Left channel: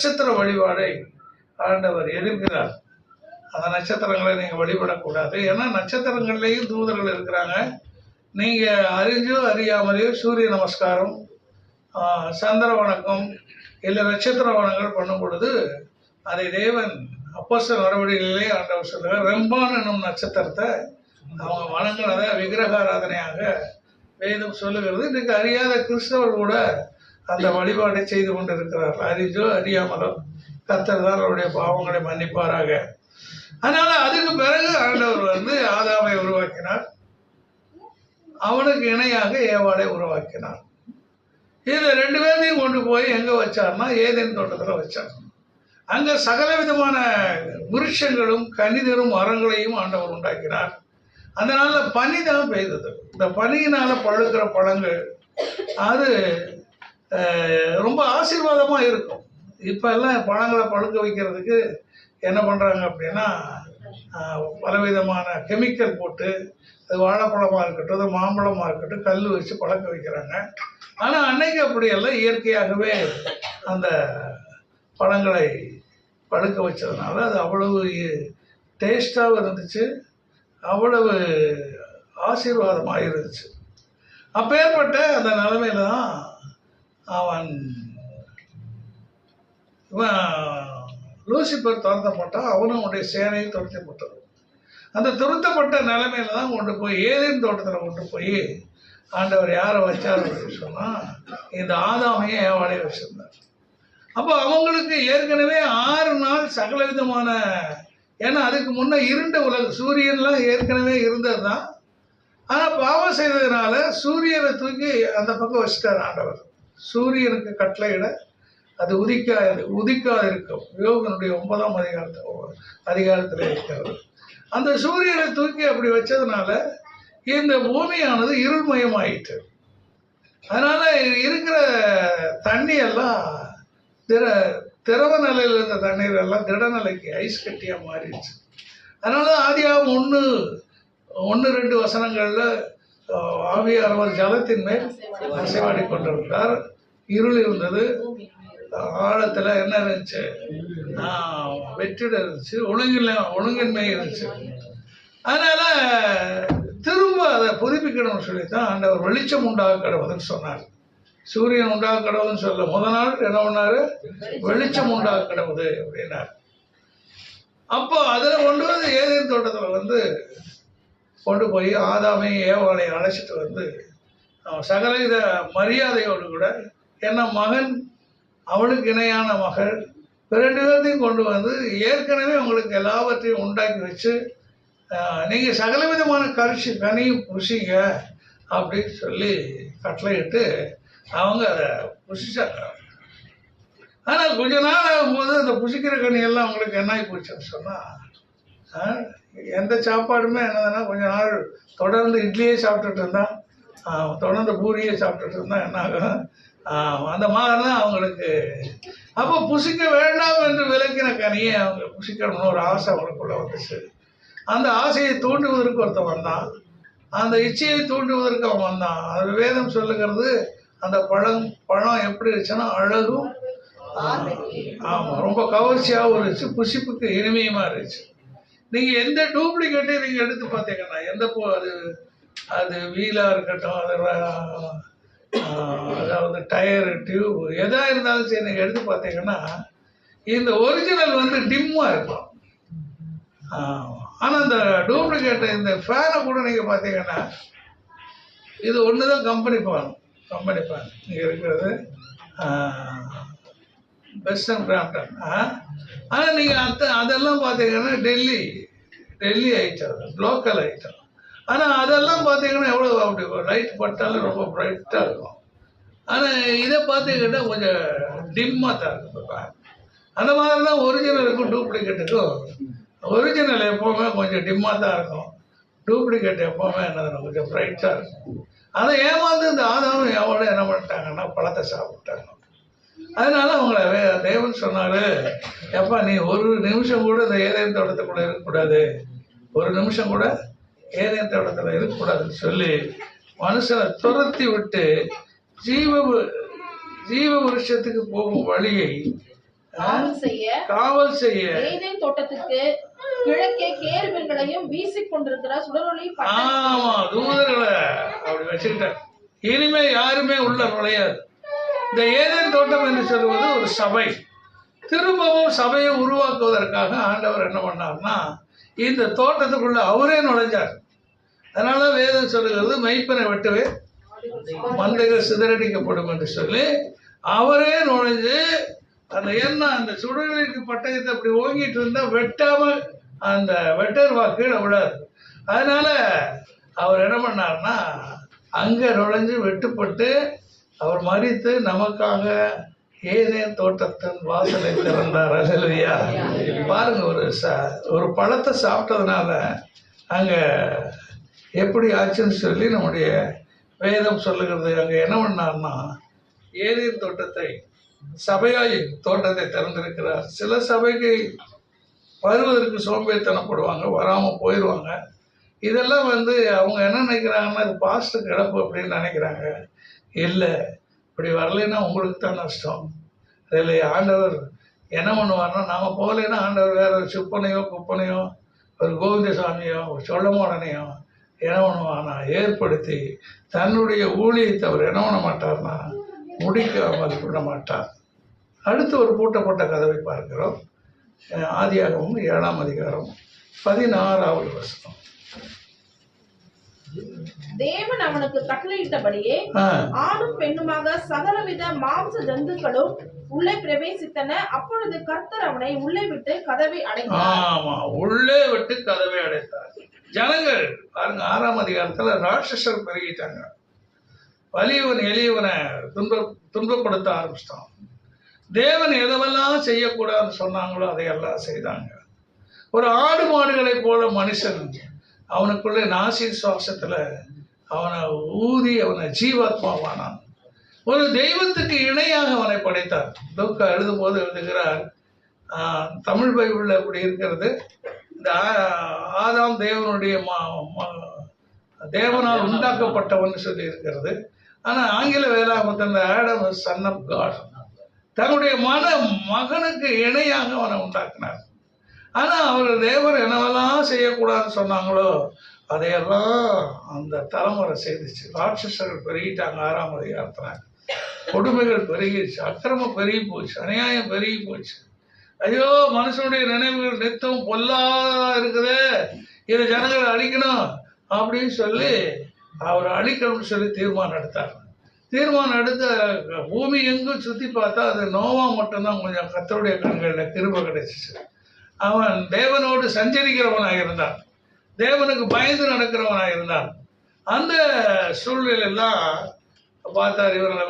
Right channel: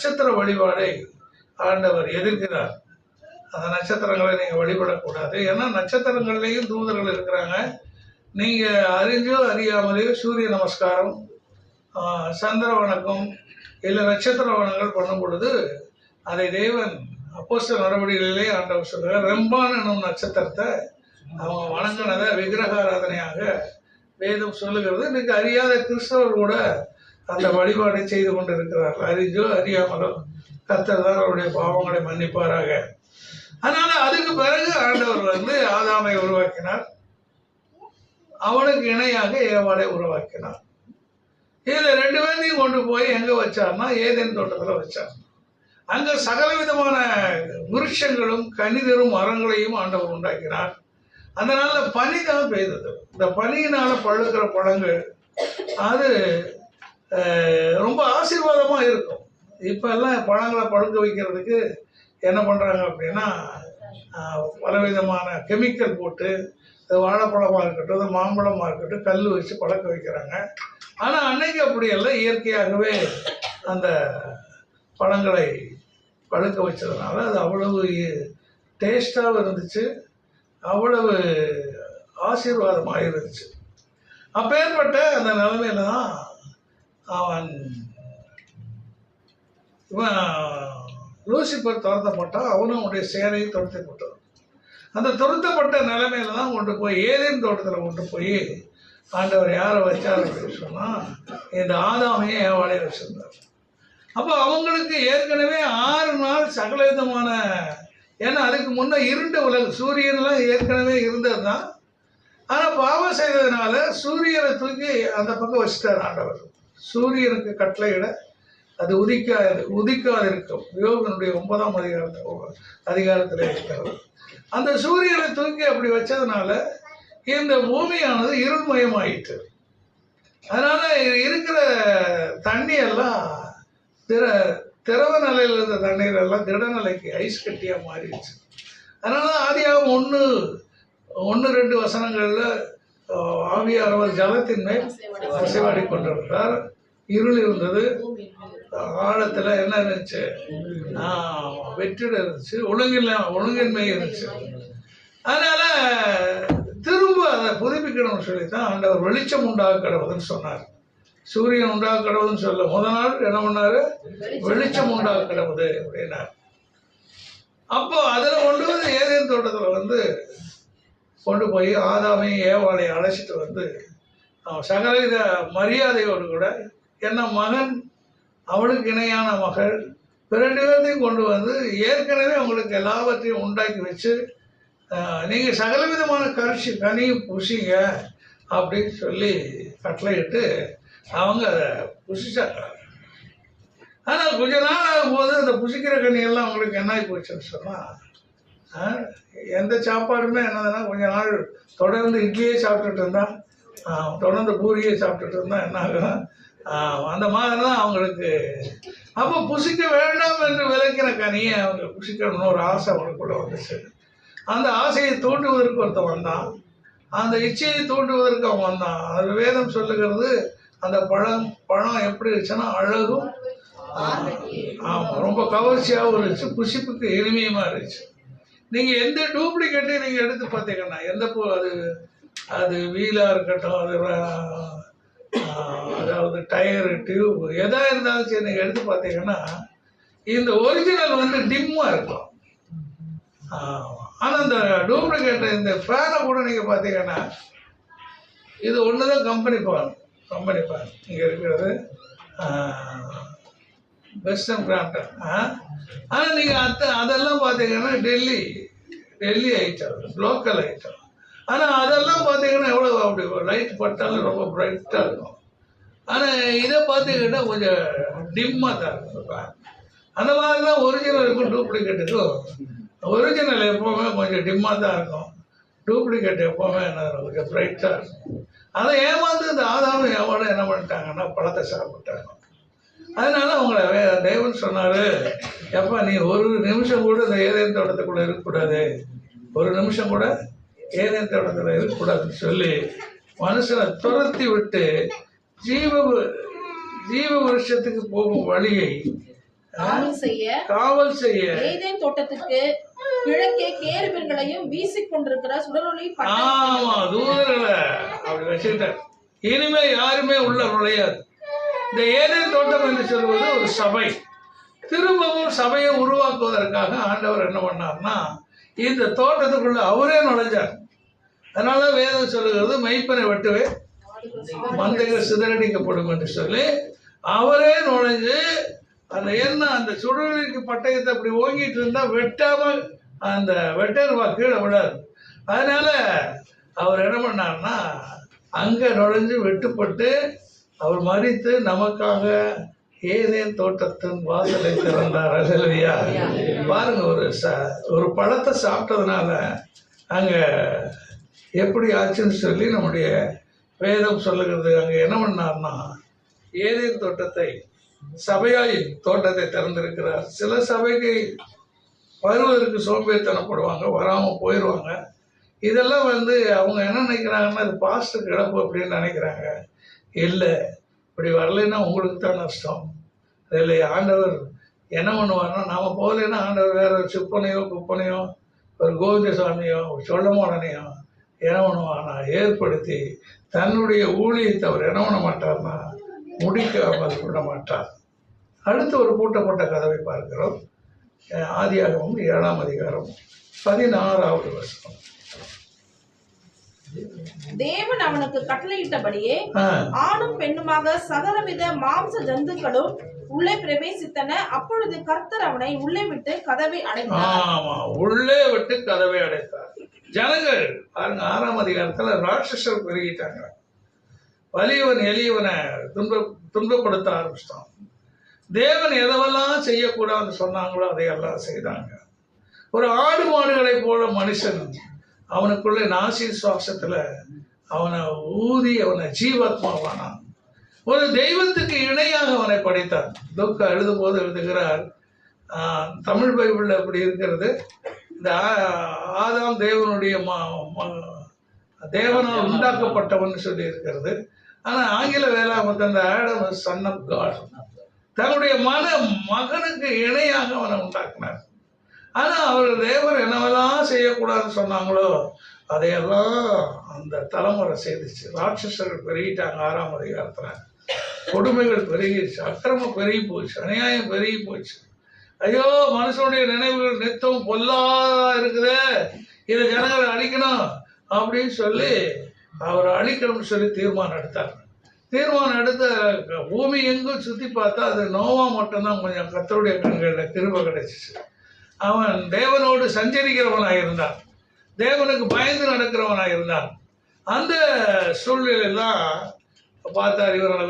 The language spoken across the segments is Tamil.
நட்சத்திர வழிபாடை ஆண்டவர் எதிர்க்கிறார். அந்த நட்சத்திரங்களை நீங்கள் வழிபடக்கூடாது. ஏன்னா நட்சத்திரங்கள்லேயும் தூதர்கள் இருக்கிறாங்க. நீங்கள் அறிஞ்சோ அறியாமலேயோ சூரிய நமஸ்காரம், சந்திர வணக்கம் இல்லை நட்சத்திர வணங்கள் பண்ணும் பொழுது அதை தேவன் அப்போஸ்தலர் நடவடிக்கைகளிலே ஆண்டவர் சொல்கிறார். ரெம்பான் என்னும் நட்சத்திரத்தை அவங்க வணங்கினதை விக்கிரகாராதனையாக வேதம் சொல்லுகிறது. இன்னைக்கு அறியாத கிறிஸ்தவர் கூட அந்த வழிபாட்டை செய்து கொண்டு இருக்கிறார்கள். அறிஞ்சோ அறியாமலோ கர்த்தர் தான் அவருடைய பாவங்களை மன்னிப்பாராக. அதனால அதுக்கு பிறகு ஆண்டவர் ஆதாமை உருவாக்கினார். அவனுக்கு இணையாக ஏவாளை உருவாக்கினார். இதுல 2 பேரையும் கொண்டு போய் எங்க வச்சார்னா ஏதேன் தோட்டத்துல வச்சார். அங்க சகல விதமான விருட்சங்களும் கனிதரும் மரங்களையும் ஆண்டவர் உண்டாக்கினார். அந்த நாள்ல பனி தான் பெய்தது. இந்த பனியினால பழுக்கிற பழங்கள் அது ரொம்ப ஆசீர்வாதமா இருக்கும். இப்ப எல்லாம் பழங்களை பழுக்க வைக்கிறதுக்கு என்ன பண்றாங்க அப்படின்னா பலவிதமான கெமிக்கல் போட்டு, அது வாழைப்பழமா இருக்கட்டும், அது மாம்பழமா இருக்கட்டும், கல் வச்சு பழக்க வைக்கிறாங்க. ஆனா அன்னைக்கு அப்படி எல்லாம் இயற்கையாகவே அந்த பழங்களை பழுக்க வச்சதுனால அது அவ்வளவு டேஸ்டாகவும் இருந்துச்சு, அவ்வளவு ஆசீர்வாதமாக இருந்துச்சு. அப்பேற்பட்ட அந்த நிலைமையில தான் இவன் லூசிபர் துரத்தப்பட்டான். அவனும் அவனுடைய சேனையும் துரத்தப்பட்டது. அந்த துரத்தப்பட்ட நிலைமையில தான் கொண்டு போய் ஏதேன் தோட்டத்தில் கொண்டு போய் ஆண்டவர் யாரை வச்சார் அப்படின்னு சொன்னால் இந்த ஆதாமையும் ஏவாளையும் வச்சிருந்தார். அப்போ அவங்களுக்கு ஏற்கனவே 6 நாள் சகல விதமான, ஏன்னா அதுக்கு முன்னே இருண்ட உலகம், சூரியன்லாம் ஏற்கனவே இருந்தது தான். ஆனால் பாவம் செய்ததுனால சூரியனை தூக்கி அந்த பக்கம் வச்சுட்டார் ஆண்டவர். சூரியனுக்கு கட்டளையிட அது உதிக்காது இருக்கும். யோகனுடைய 9ஆம் அதிகாரத்தில் இருக்கிறது. அந்த சூரியனை தூக்கி அப்படி வச்சதுனால இந்த பூமியானது இருள்மயமாயிட்டு. அதனால இருக்கிற தண்ணி எல்லாம் திரவ நிலையில் இருந்த தண்ணீர் எல்லாம் திடநிலைக்கு ஐஸ் கட்டியா மாறிடுச்சு. அதனால ஆதியாகமம் 1-2 வசனங்கள்ல ஆவியானவர் ஜலத்தின் மேல் அசைவாடி கொண்டிருந்தார். இருள் இருந்தது, ஆழத்துல என்ன இருந்துச்சு, வெற்றிட இருந்துச்சு, ஒழுங்கின்மை இருந்துச்சு. அதனால திரும்ப அதை புதுப்பிக்கணும்னு சொல்லித்தான் ஆண்டவர் வெளிச்சம் உண்டாக கடவுதுன்னு சொன்னார். சூரியன் உண்டாக கடவுதுன்னு சொல்ல முதல் நாள் என்ன பண்ணாரு, வெளிச்சம் உண்டாக கடவுது அப்படின்னார். அப்போ அதில் கொண்டு வந்து ஏதேன் தோட்டத்தில் கொண்டு போய் ஆதாமையும் ஏவாளையும் அழைச்சிட்டு சகலவித மரியாதையோடு கூட, என்ன மகன் அவளுக்கு இணையான மகள் 2 பேர்த்தையும் கொண்டு ஏற்கனவே அவங்களுக்கு எல்லாவற்றையும் உண்டாக்கி வச்சு நீங்கள் சகல விதமான கனியும் புசிங்க அப்படின்னு சொல்லி கட்டளையிட்டு அவங்க அதை புசிச்சாங்க. ஆனால் கொஞ்ச நாள் ஆகும்போது அந்த புசிக்கிற கனியெல்லாம் அவங்களுக்கு என்ன ஆகி போச்சுன்னு சொன்னால், எந்த சாப்பாடுமே என்னதுன்னா கொஞ்ச நாள் தொடர்ந்து இட்லியே சாப்பிட்டுட்டு இருந்தா, தொடர்ந்து பூரியே சாப்பிட்டுட்டு இருந்தா என்ன ஆகும், அந்த மாதிரி தான் அவங்களுக்கு. அப்போ புசிக்க வேண்டாம் என்று விளக்கின கனியை அவங்க புசிக்கணும்னு ஒரு ஆசை அவங்களுக்குள்ள வந்துச்சு. அந்த ஆசையை தூண்டுவதற்கு ஒருத்தன் வந்தான், அந்த இச்சையை தூண்டுவதற்கு அவன் வந்தான். அது வேதம் சொல்லுகிறது, அந்த பழம் எப்படி இருந்துச்சுன்னா அழகும் ரொம்ப கவர்ச்சியாகவும் இருந்துச்சு, புசிப்புக்கு இனிமையுமா இருந்துச்சு. நீங்க எந்த டூப்ளிகேட்டையும் நீங்க எடுத்து பார்த்தீங்கன்னா, எந்த அது வீலா இருக்கட்டும், அதாவது டயரு டியூப் எதா இருந்தாலும் சரி, நீங்க எடுத்து பார்த்தீங்கன்னா இந்த ஒரிஜினல் டிம்மா இருக்கும். ஆனா இந்த டூப்ளிகேட் இந்த ஃபேனை கூட நீங்க பார்த்தீங்கன்னா இது ஒண்ணுதான் கம்பெனி ஃபேன் இங்க இருக்கிறது வெஸ்டர்ன் கிராம்டன். ஆனா நீங்க அதெல்லாம் பார்த்தீங்கன்னா டெல்லி ஐட்டம், லோக்கல் ஐட்டம். ஆனால் அதெல்லாம் பார்த்தீங்கன்னா எவ்வளோ அப்படி லைட் பட்டாலும் ரொம்ப பிரைட்டாக இருக்கும். ஆனால் இதை பார்த்தீங்கன்னா கொஞ்சம் டிம்மாக தான் இருக்கும். அந்த மாதிரி தான் ஒரிஜினலுக்கும் டூப்ளிகேட்டுக்கும், ஒரிஜினல் எப்போவுமே கொஞ்சம் டிம்மாக தான் இருக்கும், டூப்ளிகேட் எப்போவுமே என்ன கொஞ்சம் பிரைட்டாக இருக்கும். அதை ஏமாந்து இந்த ஆதாமும் எவ்வளோ என்ன பண்ணிட்டாங்கன்னா பழத்தை சாப்பிட்டாங்க. அதனால அவங்கள தேவன் சொன்னாரு, எப்பா நீ ஒரு நிமிஷம் கூட இந்த ஏதேன் தோட்டத்துக்குள்ள இருக்கக்கூடாது, ஒரு நிமிஷம் கூட ஏதேன் தோட்டத்தில் இருக்கக்கூடாதுன்னு சொல்லி மனுஷனை துரத்தி விட்டு ஜீவ விருஷத்துக்கு போகும் வழியை காவல் செய்ய ஏதேன் தோட்டத்துக்கு கிழக்கே கேருபீன்களையும் வீசிக் கொண்டிருக்கிற சுடரொளி ஆமா தூதர்களை அப்படி வச்சுக்கிட்டார். இனிமே யாருமே உள்ள நுழையாது. இந்த ஏதேன் தோட்டம் என்று சொல்வது ஒரு சபை. திரும்பவும் சபையை உருவாக்குவதற்காக ஆண்டவர் என்ன பண்ணார்னா இந்த தோட்டத்துக்குள்ள அவரே நுழைஞ்சார். அதனால வேதம் சொல்லுகிறது மெய்ப்பனை வெட்டுவே மந்தைகள் சிதறடிக்கப்படும் என்று சொல்லி அவரே நுழைஞ்சு அந்த சுடருக்கு பட்டயத்தை அப்படி ஓங்கிட்டு இருந்தா வெட்டாம அந்த வெட்டர்வா கீழே விடாது. அதனால அவர் என்ன பண்ணார்னா அங்க நுழைஞ்சு வெட்டுப்பட்டு அவர் மரித்து நமக்காக ஏதேன் தோட்டத்தின் வாசலை திறந்தார். அல்லேலூயா. பாருங்க, ஒரு பழத்தை சாப்பிட்டதுனால அங்க எப்படி ஆச்சுன்னு சொல்லி நம்முடைய வேதம் சொல்லுகிறது. அங்க என்ன பண்ணார்னா ஏதேன் தோட்டத்தை சபையாயின் தோட்டத்தை திறந்திருக்கிறார். சில சபைக்கு வருவதற்கு சோம்பேறித்தனப்படுவாங்க, வராம போயிடுவாங்க. இதெல்லாம் அவங்க என்ன நினைக்கிறாங்கன்னா அது பாஸ்டர் கிடப்பு அப்படின்னு நினைக்கிறாங்க. இல்லை, இப்படி வரலைன்னா உங்களுக்கு தான் நஷ்டம். அதில் ஆண்டவர் என்ன பண்ணுவார்னா நாம போகலைன்னா ஆண்டவர் வேற ஒரு சிப்பனையோ குப்பனையோ ஒரு கோவிந்தசாமியோ ஒரு சொல்லமாடனையோ என்ன பண்ணுவார்னா ஏற்படுத்தி தன்னுடைய ஊழியத்தை அவர் என்ன பண்ண மாட்டார்னா முடிக்காமல் விட மாட்டார். அடுத்து ஒரு பூட்டப்பட்ட கதவை பார்க்கிறோம். ஆதியாகமம் 7ஆம் அதிகாரம் 16வது வசனம். தேவன் அவனுக்கு கட்டளையிட்டபடியே ஆணும் பெண்ணுமாக சகலவித மாம்ச ஜந்துக்களும் உள்ளே பிரவேசித்தன. அப்பொழுது கர்த்தர் அவனை உள்ளே விட்டு கதவை அடைத்தார். ஆமா, உள்ளே விட்டு கதவை அடைத்தார். ஜனங்கள் பாருங்க, 6ஆம் அதிகாரத்துல ராட்சசர் பெருகிட்டாங்க. வலியவன் எளியவனை துன்பப்படுத்த ஆரம்பிச்சிட்டான். தேவன் எதவெல்லாம் செய்யக்கூடாதுன்னு சொன்னாங்களோ அதையெல்லாம் செய்தாங்க. ஒரு ஆடு மாடுகளை போல மனுஷன் அவனுக்குள்ளே நாசி சுவாசத்துல அவனை ஊதி அவனை ஜீவாத்மாவானான். ஒரு தெய்வத்துக்கு இணையாக அவனை படைத்தார். துக்க எழுதும் போது எழுதுகிறார், தமிழ் பைபிள்ல அப்படி இருக்கிறது, இந்த ஆதாம் தேவனுடைய தேவனால் உண்டாக்கப்பட்டவன் சொல்லி இருக்கிறது. ஆனா ஆங்கில வேளாமத்தில் ஆடம் சன் ஆஃப் காட், தன்னுடைய மகனுக்கு இணையாக அவனை உண்டாக்கினார். ஆனா அவர் தேவர் என்னவெல்லாம் செய்யக்கூடாதுன்னு சொன்னாங்களோ அதையெல்லாம் அந்த தலைமுறை செய்துச்சு. ராட்சசர்கள் பெருகிட்டாங்க. 6ஆம் அதிகாரத்துல கொடுமைகள் பெருகிடுச்சு, அக்கிரமம் பெருகி போச்சு, அநியாயம் பெருகி போச்சு. ஐயோ, மனுஷனுடைய நினைவுகள் நித்தம் பொல்லா இருக்குது, இதை ஜனங்களை அழிக்கணும் அப்படின்னு சொல்லி அவர் அழிக்கணும்னு சொல்லி தீர்மானம் எடுத்தார். தீர்மானம் எடுத்த பூமி எங்கும் சுற்றி பார்த்தா அது நோவா மட்டும்தான் கொஞ்சம் கர்த்தருடைய கண்களில் கிருபை கிடைச்சிச்சு. அவன் தேவனோடு சஞ்சரிக்கிறவனாக இருந்தான், தேவனுக்கு பயந்து நடக்கிறவனாக இருந்தான். அந்த சூழ்நிலையெல்லாம் பார்த்தார், இவர்களை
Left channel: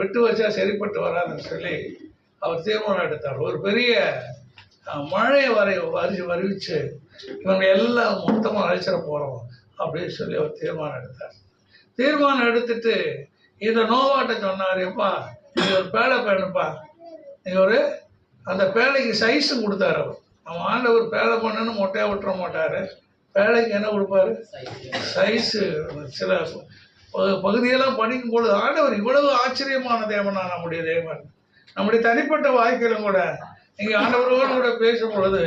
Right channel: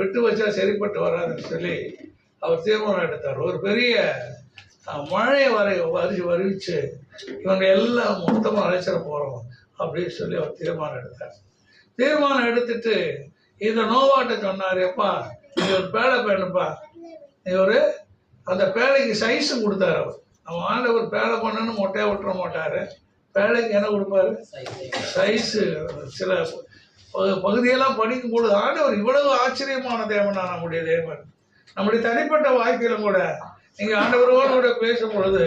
விட்டு வச்சா சரிப்பட்டு வராதுன்னு சொல்லி அவர் தீர்மானம் எடுத்தார். ஒரு பெரிய மழையை வருவிச்சு இவங்க எல்லாம் மொத்தமாக அழைச்சிட போகிறோம் அப்படின்னு சொல்லி அவர் தீர்மானம் எடுத்தார். தீர்மானம் எடுத்துட்டு இந்த நோவாட்ட சொன்னார், எப்பா நீ ஒரு பேழை பேணுப்பா, நீ அந்த பேழைக்கு சைஸும் கொடுத்தாரு. அவன் ஆண்டவர் பேழை பண்ணணும்னு மொட்டையாக விட்டுற மாட்டார். பேழைக்கு என்ன கொடுப்பாரு? சைஸு. சில பகுதியெல்லாம் படிக்கும் பொழுது ஆண்டவர் இவ்வளவு ஆச்சரியமான தேவனா நம்முடைய தேவன். நம்முடைய தனிப்பட்ட வாழ்க்கையிலும் கூட நீங்கள் ஆண்டவரோடு கூட பேசும் பொழுது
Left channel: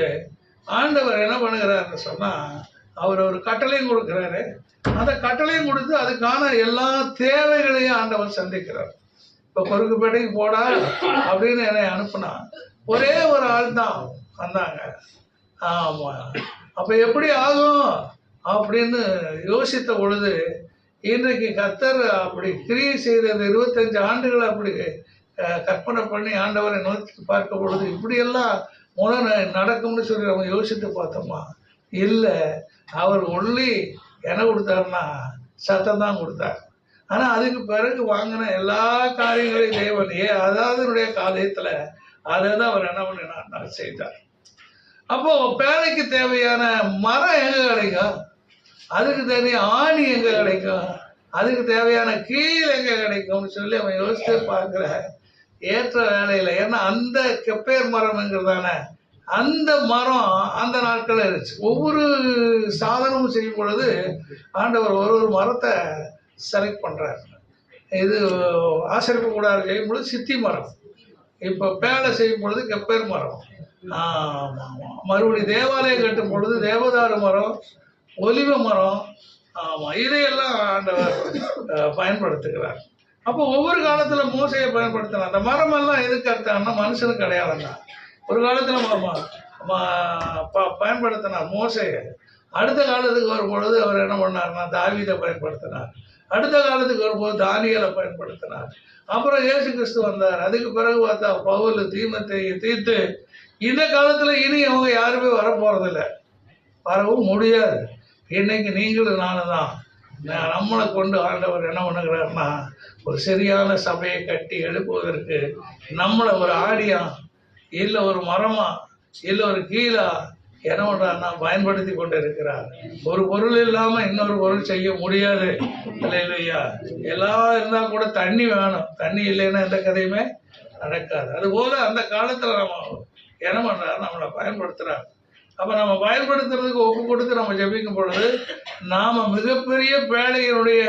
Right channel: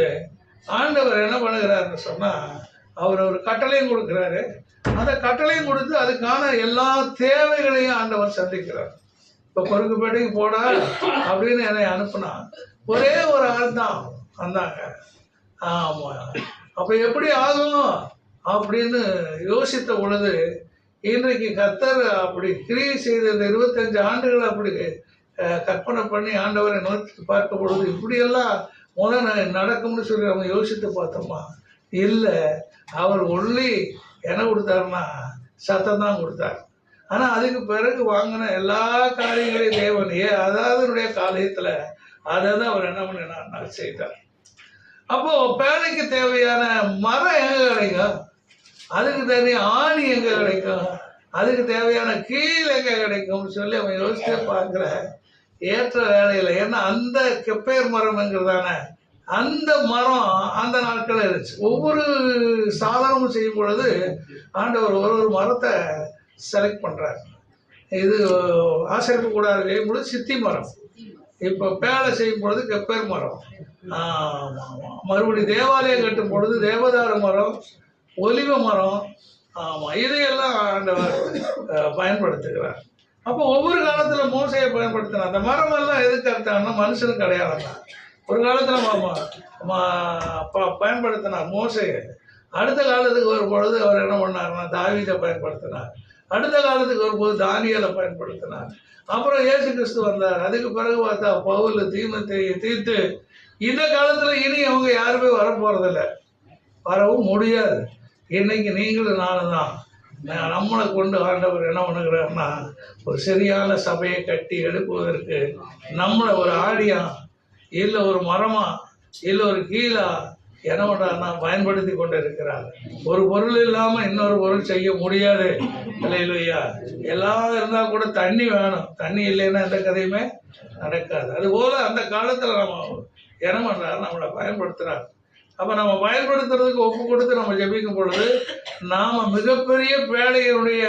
ஆண்டவர் என்ன பண்ணுகிறாருன்னு சொன்னால் அவர் ஒரு கட்டளையும் கொடுக்குறாரு. அந்த கட்டளையும் கொடுத்து அதுக்கான எல்லா தேவைகளையும் ஆண்டவர் சந்திக்கிறார். இப்போ பொறுக்குப்பேட்டைக்கு போடா அப்படின்னு என்னை அனுப்புனா ஒரே ஒரு ஆள் தான் வந்தாங்க. ஆமாம், அப்போ எப்படி ஆகும் அப்படின்னு யோசித்த பொழுது இன்றைக்கு கர்த்தர் அப்படி கிரியை செய்தது 25 ஆண்டுகள் அப்படி கற்பனை பண்ணி ஆண்டவரை நோக்கி பார்க்க பொழுது இப்படியெல்லாம் நடக்கும்னு சொல்லி நம்ம யோசித்து பார்த்தோமா? இல்லை, அவர் ஒன்லி என்ன கொடுத்தாருன்னா சத்தம் தான் கொடுத்தார். ஆனால் அதுக்கு பிறகு வாங்கின எல்லா காரியங்களையும் தேவன் அதாவதுடைய காரியத்தில் அதை தான் அவர் என்ன பண்ணினார் செய்தார். அப்போ பேழைக்கு தேவையான மரம் எங்கே கிடைக்கும்? அதுக்கு தேவையான ஆணி எங்கே கிடைக்கும்? அதுக்கு தேவையான கீழ் எங்கே கிடைக்கும்னு சொல்லி அவன் யோசித்து பார்க்குற ஏற்ற வேலையில். ஏன்னா அந்த கெப்பேர் மரம்ங்கிறதான அந்த மரம் அந்த நாட்களில் இருந்துச்சு. ஒவ்வொரு சாதனமும் செய்யும் பொழுது ஆண்டவர் ஒரு மரத்தை செலக்ட் பண்ணுறார். இது ஆசரிப்பு கூடாது செய்யும் பொழுது சித்தி மரம், இப்போ பேலை செய்யும் பொழுது கெப்பேர் மரம், மறுபடியும் தேவாலயம் கட்டும் பொழுது தேவதாரு மரம், ஒலிவ மரம், இதையெல்லாம் ஆண்டவர் பயன்படுத்துகிறார். அப்போ ஒவ்வொரு காலத்துல மோசையை பயன்படுத்தினார். அந்த மரமெல்லாம் எதுக்கு அர்த்தம்னா மனுஷனுக்கு அடையாளம். ஒரு காலத்துல பயன்படுத்தினார் மோசையை. அடுத்த காலத்துக்கு வரும்பொழுது அவர் என்ன பண்ணார்னா தாவீதை பயன்படுத்தினார். அடுத்த காலத்துக்கு வரும்போது தானியேலை பயன்படுத்தினார். அப்புறம் இயேசு கிறிஸ்து வந்தார். அதுக்கு பிறகு பார்த்தா பவுல், தீமோத்தேயு, தீத்து. இந்த காலத்துல இனி அவங்க யாருமே வரப்போறதில்லை, வரவும் முடியாது. இன்னைக்கு நீங்களும் நானும் தான். நம்மளை கொண்டு ஆண்டவர் என்ன பண்ணுகிறாருன்னா ஒரு சரியான சபையை கட்டி எழுப்புவதற்கு நம்மளை ஒரு ஆடியா இல்லை ஒரு மரமா இல்லை ஒரு கீழா என்ன பண்றாருன்னா பயன்படுத்தி கொண்டு இருக்கிறார். ஒரு பொருள் இல்லாம இன்னொரு பொருள் செய்ய முடியாது. இல்லையா? எல்லாம் இருந்தா கூட தண்ணி வேணும். தண்ணி இல்லைன்னா எந்த கதையுமே நடக்காது. அதுபோல அந்த காலத்துல நம்ம என்ன பண்றாரு, நம்மளை பயன்படுத்துறாரு. அப்ப நம்ம பயன்படுத்துறதுக்கு ஒப்பு கொடுத்து நம்ம ஜெபிக்கும் பொழுது நாம மிகப்பெரிய பேழையினுடைய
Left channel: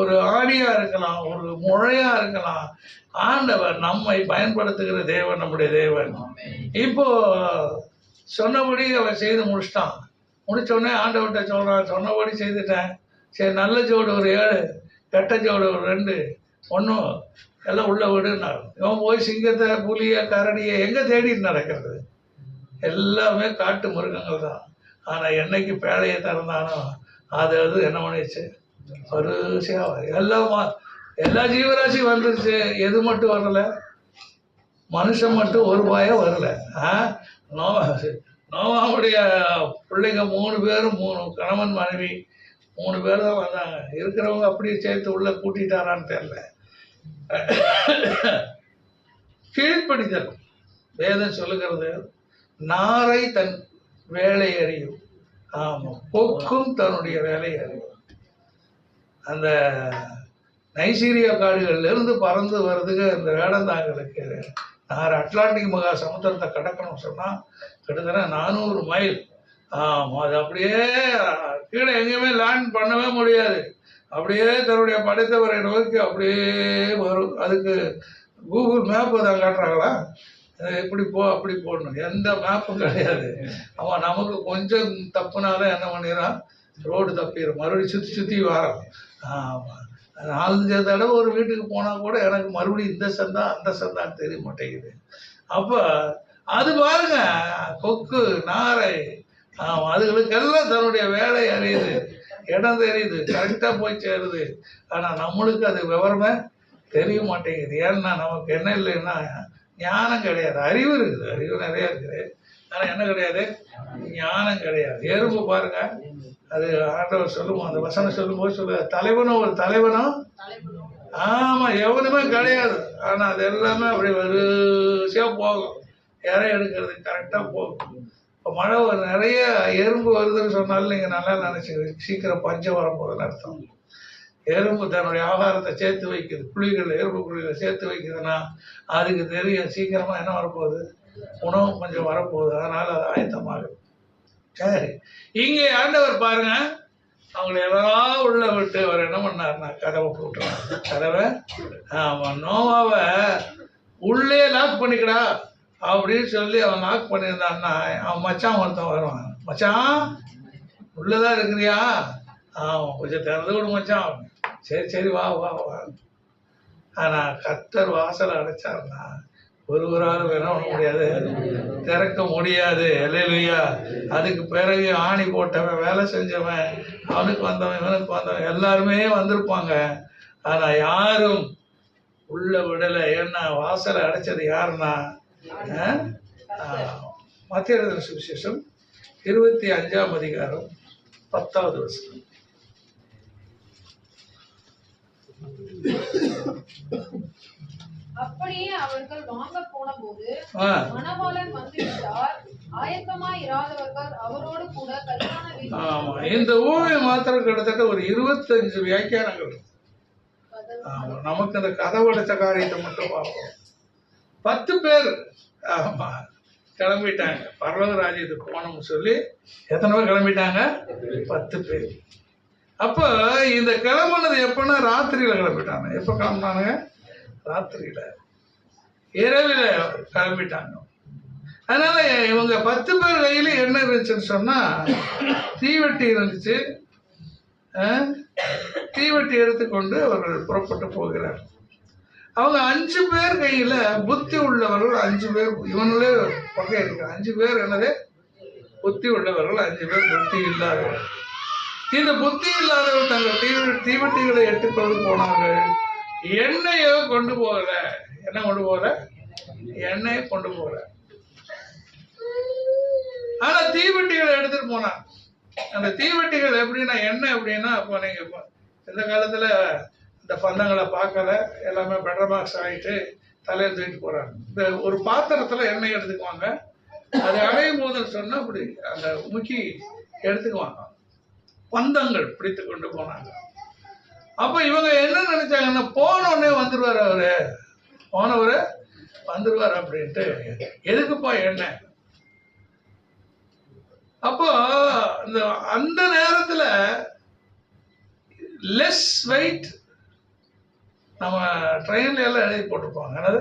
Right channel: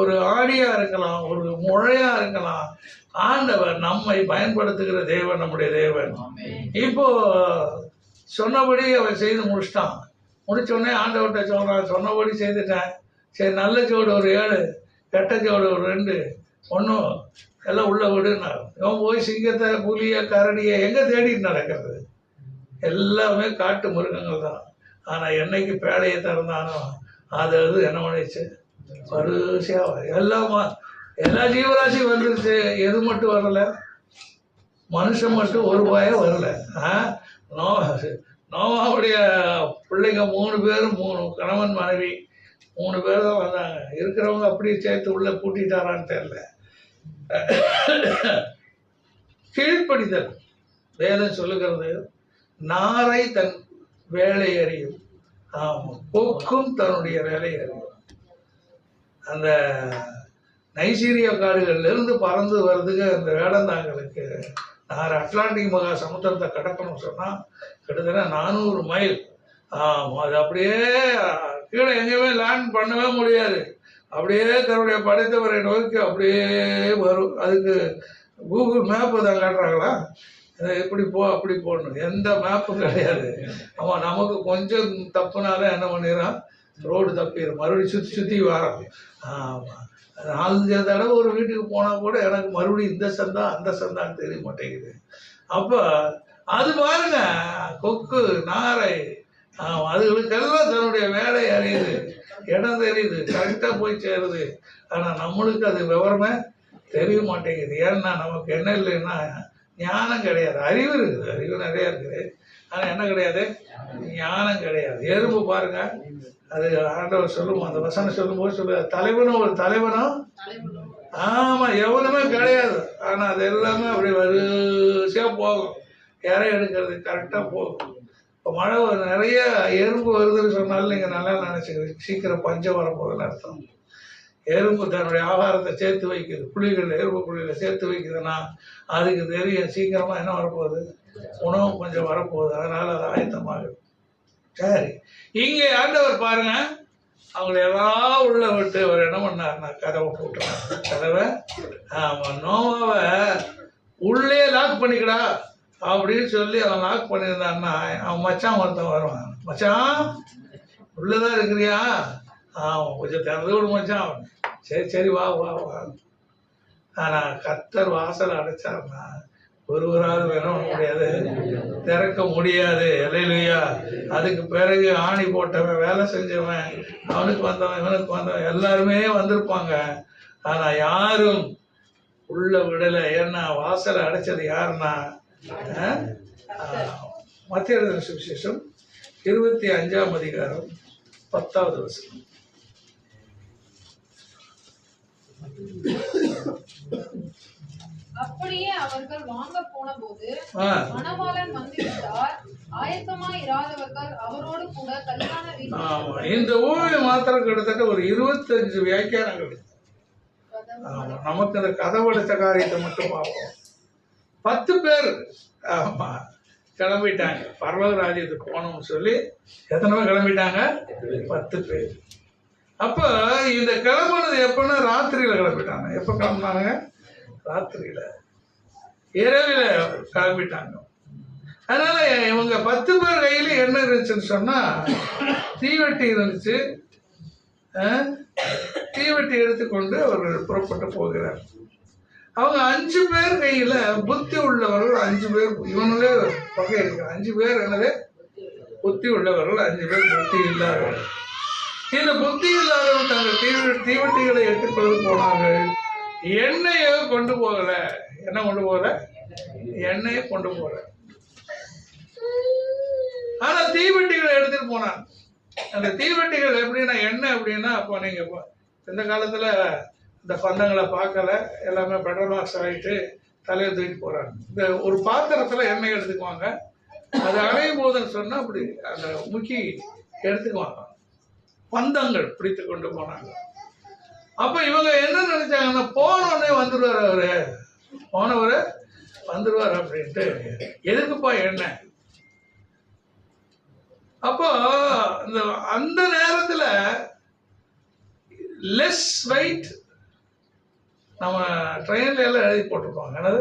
ஒரு ஆடியா இருக்கலாம், ஒரு முழையா இருக்கலாம். ஆண்டவர் நம்மை பயன்படுத்துகிற தேவன் நம்முடைய தேவன். இப்போ சொன்னபடி அவன் செய்து முடிச்சிட்டான். முடிச்சோடனே ஆண்டவர்கிட்ட சொல்றான், சொன்னபடி செய்துட்டேன், சரி நல்ல ஜோடு ஒரு 7, கெட்ட ஜோடு ஒரு 2, ஒன்றும் எல்லாம் உள்ள விடுனார். இவன் போய் சிங்கத்தை, புலியை, கரடியை எங்க தேடிட்டு நடக்கிறது? எல்லாமே காட்டு மிருகங்கள் தான். ஆனா என்னைக்கு பேழையை திறந்தானோ அது என்ன பண்ணிச்சு, வரிசையா எல்லா ஜீவராசியும் வந்துருச்சு. எது மட்டும் வரல? மனுஷன் மட்டும் ஒரு பாயம் வரல. நோவாவுடைய பிள்ளைங்க 3 பேரும் 3 கணவன் மனைவி 3 பேர் தான் வந்தாங்க. இருக்கிறவங்க அப்படியே சேர்த்து உள்ள கூட்டிட்டாரான்னு தெரியல. கீழ்ப்படிதல் வேதம் சொல்லுகிறது, நாரை தன் வேலை அறியும், கொக்கும் தன்னுடைய வேலை அறியும். அந்த நைசீரியா காடுகள்ல இருந்து பறந்து வருதுங்க இந்த வேடந்தாங்களுக்கு. நார் அட்லாண்டிக் மகா சமுத்திரத்தை கடக்கணும் சொன்னா கிட்டத்தட்ட 400 மைல். அது அப்படியே கீழே எங்கேயுமே லேண்ட் பண்ணவே முடியாது. அப்படியே தன்னுடைய படைத்தவரை நோக்கி அப்படியே வரும். அதுக்கு கூகுள் மேப்பு தான் காட்டுறாங்களா, எப்படி போ அப்படி போடணும், எந்த மேப்பும் கிடையாது. அவன் நமக்கு கொஞ்சம் தப்புனால என்ன பண்ணிடுறான், ரோடு தப்பிடும், மறுபடியும் சுற்றி சுற்றி வரோம். 4-5 தடவை ஒரு வீட்டுக்கு போனால் கூட எனக்கு மறுபடியும் இந்த சந்தா அந்த சந்தான்னு தெரிய மாட்டேங்குது. அப்போ அது பாருங்க, கொக்கு, நாரை, அதுகளுக்கெல்லாம் தன்னுடைய வேலை அறியுது, இடம் தெரியுது, கரெக்டாக போய் சேருது. ஆனால் நம்மளுக்கு அது விவரமே தெரிய மாட்டேங்குது. ஏன்னா நமக்கு என்ன இல்லைன்னா ஞானம் கிடையாது. அறிவு இருக்குது, அறிவு நிறைய இருக்குது, ஆனால் என்ன கிடையாது, ஞானம் கிடையாது. எறும்பு பாருங்க, அது ஆண்டவர் சொல்லுவோம், அந்த வசனம் சொல்லும்போது சொல்லுவார், தலைவனும் ஒரு தலைவனும் எவனுமே கிடையாது. ஆனா அது எல்லாமே அப்படி வரிசையா போகும், இறை எடுக்கிறது கரெக்டா போகும். இப்போ மழை நிறைய எறும்பு வருதுன்னு சொன்னாலும் நீங்க நல்லா நினைச்சுக்கிறீங்க, சீக்கிரம் பஞ்சம் வரப்போகுதுன்னு அர்த்தம். எறும்பு தன்னுடைய ஆகாரத்தை சேர்த்து வைக்குது, புளிகள் எறும்பு புளிகளை சேர்த்து வைக்குதுன்னா அதுக்கு தெரியும் சீக்கிரமா என்ன வரப்போகுது, உணவு கொஞ்சம் வரப்போகுது, அதனால அது ஆயத்தமாகுது. சரி, இங்கே ஆண்டவர் பாருங்க, அவங்களை எல்லாம் உள்ள விட்டு அவர் என்ன பண்ணாருன்னா கதவை போட்டுறாரு. கதவை நோவாவை உள்ளே லாக் பண்ணிக்கடா அப்படின்னு சொல்லி அவன் லாக் பண்ணியிருந்தான்னா அவன் மச்சான் ஒருத்தன் வருவான், மச்சான் உள்ளதான் இருக்கிறியா, கொஞ்சம் திறந்து விடு மச்சான், சரி சரி வா வா வா. ஆனா கர்த்தர் வாசலை அடைச்சாருன்னா ஒருவரால் என்ன பண்ண முடியாது, திறக்க முடியாது. அல்லேலூயா. அதுக்கு பிறகு ஆணி போட்டவன், வேலை செஞ்சவன், அவனுக்கு வந்தவன், இவனுக்கு வந்தவன், எல்லாருமே வந்திருப்பாங்க. ஆனா யாரும் உள்ள விடலை. ஏன்னா வாசலை அடைச்சது யாருன்னா மத்திய எழுதின சுவிசேஷம் 25ஆம் அதிகாரம் 10வது வசனம். அப்படியே அவர்கள் வாங்க போன போது மணவாளன் வந்துவிட்டார், ஆயத்தமாய் இராதவர்கள் அவரோடு கூட கல்யாண வீட்டில். இந்த ஓவியம் மாத்திரம் கிட்டத்தட்ட ஒரு 25 வியாக்கியானங்கள். நமக்கு அந்த கதவடைத்த காரியத்தை மட்டும் பார்ப்போம். 10 பேர் கிளம்பிட்டாங்க பரலோக ராஜ்யத்துக்கு போனோம்னு சொல்லி. எத்தனை பேர் கிளம்பிட்டாங்க? 10 பேர். அப்ப இந்த கிளம்புனது எப்பன்னா ராத்திரியில கிளம்பிட்டாங்க. எப்ப கிளம்புனாங்க? ராத்திரியில. இரவில் கிளம்பிட்டாங்க. அதனால இவங்க 10 பேர் கையில என்ன இருந்துச்சுன்னு சொன்னா தீவெட்டி இருந்துச்சு. தீவெட்டி எடுத்துக்கொண்டு அவர்கள் புறப்பட்டு போகிறார். அவங்க 5 பேர் கையில புத்தி உள்ளவர்கள் 5 பேர், இவங்களே வகை இருக்கு. 5 பேர் என்னது புத்தி உள்ளவர்கள், 5 பேர் புத்தி இல்லாதவர்கள். இந்த புத்தி இல்லாதவர்கள் தங்கள் தீவெட்டிகளை எடுத்துக்கொண்டு போனார்கள். எண்ணெயை கொண்டு போகல. என்ன கொண்டு போகல? எண்ணெயை கொண்டு போகல. ஆனா தீவெட்டிகளை எடுத்துட்டு போனாங்க. அந்த தீவெட்டிகள் எப்படின்னா எண்ணெய் அப்படின்னா, அப்போ நீங்க இந்த காலத்துல இந்த பந்தங்களை பார்க்கல, எல்லாமே பெட்ரமாக்ஸ் ஆகிட்டு தலையில் தூக்கிட்டு போறாங்க. இந்த ஒரு பாத்திரத்துல எண்ணெய் எடுத்துக்குவாங்க. அது அடையும் போதுன்னு சொன்னா அப்படி அந்த முக்கி எடுத்துக்குவாங்க. பந்தங்கள் பிடித்து கொண்டு போனாங்க. அப்ப இவங்க என்ன நினைச்சாங்கன்னா, போனோடனே வந்துருவார் அவரு, போனவரு வந்துருவார் அப்படின்ட்டு. எதுக்குப்பா எண்ணெய்? அப்போ அந்த நேரத்துல லெஸ் வெயிட், நம்ம ட்ரெயின்ல எல்லாம் எழுதி போட்டிருப்பாங்க, என்னது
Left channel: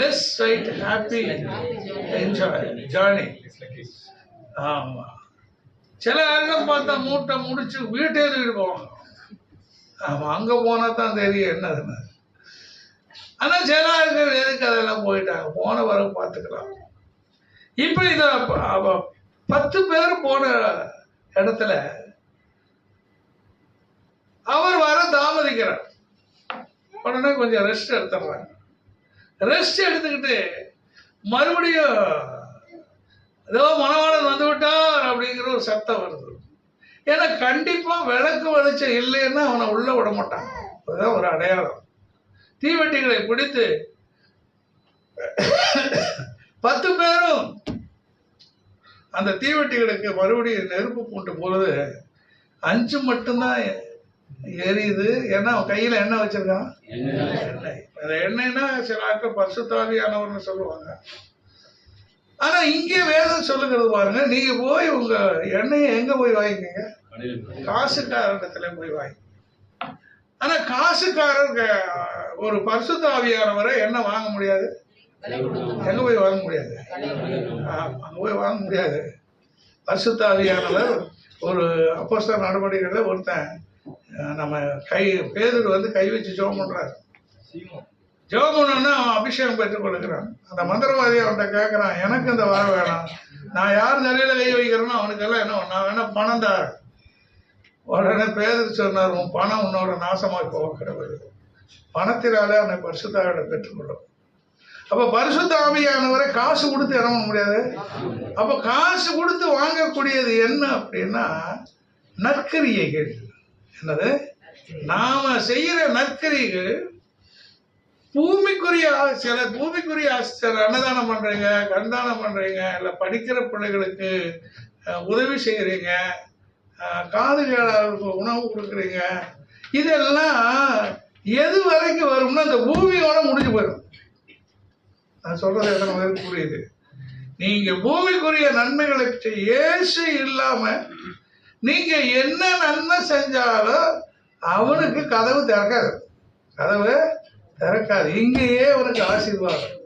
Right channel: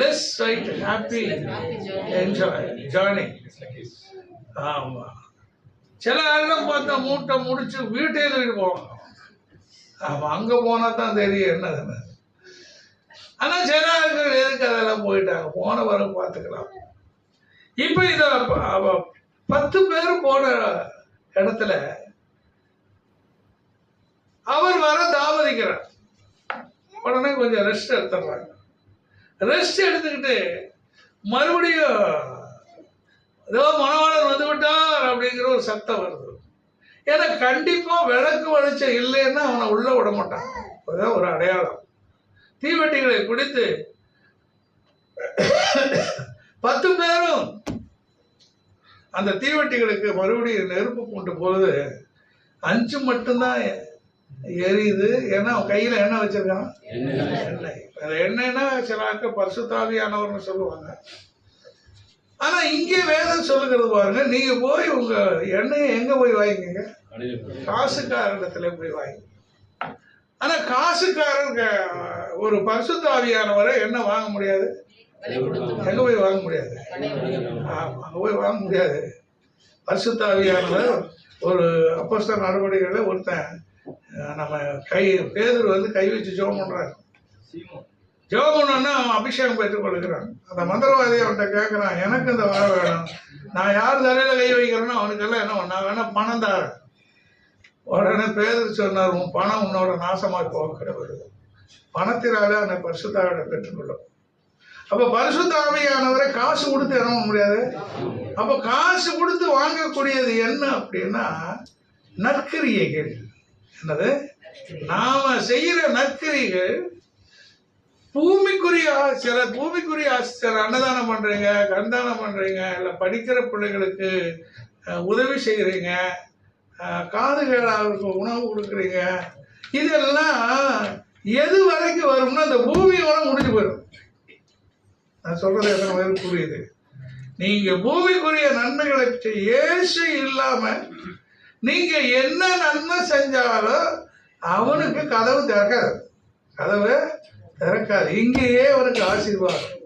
less weight happy enjoy journey. ஆமா, சில ஆளும் பார்த்தா மூட்டை முடிச்சு வீட்டே தூக்கிட்டு போவாங்க. ஆமா, அங்க போனா தான் தெரியும் என்னதுன்னு. ஆனா சில ஆட்கள் எதுக்கு அதெல்லாம் போயிட்டாங்க, போன வரை பார்த்துக்கலாம். இப்ப இத 10 பேர் போன இடத்துல அவர் வர தாமதிக்கிறார். உடனே கொஞ்சம் ரெஸ்ட் எடுத்துடுறாங்க. ரெஸ்ட் எடுத்துக்கிட்டு மறுபடியும் ஏதோ மணவாளன் வந்து விட்டார் அப்படிங்கிற ஒரு சத்தம் வருது. ஏன்னா கண்டிப்பா விளக்கு வெளிச்சம் இல்லைன்னா அவனை உள்ள விட மாட்டான். அதுதான் ஒரு அடையாளம். தீவெட்டிகளை பிடித்து 10 பேரும் அந்த தீவெட்டிகளுக்கு மறுபடியும் நெருப்பு போட்டு பொழுது 5 மட்டும்தான் எரியுது. ஏன்னா அவன் கையில என்ன வச்சிருக்கான்? எண்ணெய். அந்த எண்ணெய்னா சில ஆட்கள் பரிசுத்தாவியானவர்னு சொல்லுவாங்க. ஆனா இங்கே வேதம் சொல்லுகிறது பாருங்க, நீங்க போய் உங்க எண்ணெயை எங்க போய் வாங்கிக்கங்க? காசுக்காரத்துல போய் வாங்கி. ஆனா காசுக்காரர் ஒரு பரிசுத்தாவியானவரை என்ன வாங்க முடியாது? எங்க போய் வாங்க முடியாது? அங்க போய் வாங்க முடியாது. பரிசுத்தாவியானவர் ஒரு அப்போஸ்தலர் நடவடிக்கைகள்ல ஒருத்தன் நம்ம பேதுரு வந்து கை வச்சு ஜெபம் பண்றாரு. ஜெபம் பண்ணோன்னா அபிஷேகம் பெற்றுக் கொடுக்குறான். அந்த மந்திரவாதி அவன்கிட்ட கேட்கறான், எனக்கு இந்த வர வேணும், நான் யார் தலையில கை வைக்கிறேனோ அவனுக்கெல்லாம் என்ன நான் வேணா பணம் தான். உடனே பேதுரு சொன்னார், உன் பணம் உன்னோட நாசமாய் போக கிடையாது, பணத்தினாலே அந்த பரிசுத்தாவிட பெற்றுக்கொள்ளும். அப்ப பரிசுத்த ஆவியானவரை காசு கொடுத்து என்ன பண்ண முடியாது. அப்ப காசு கொடுத்து வாங்கக்கூடியது என்ன அப்படின்னா நற்கிரியைகள். என்னது? நாம செய்யற நற்கிரிகள் பூமிக்குரிய சில அன்னதானம் பண்றீங்க, கண்தானம் பண்றீங்க, இல்ல படிக்கிற பிள்ளைகளுக்கு உதவி செய்யறீங்க, காது கேளாதவருக்கு உணவு கொடுக்குறீங்க. இதெல்லாம் எது வரைக்கும் வரும்னா அந்த பூமியோட முடிஞ்சு போயிடும். நான் சொல்றது எத்தனை பேருக்கு புரியுது? நீங்க பூமிக்குரிய நன்மைகளை இயேசு இல்லாம நீங்க என்ன நன்மை செஞ்சாலும் அவனுக்கு கதவு திறக்காது. இங்கேயே அவனுக்கு ஆசீர்வாதம்.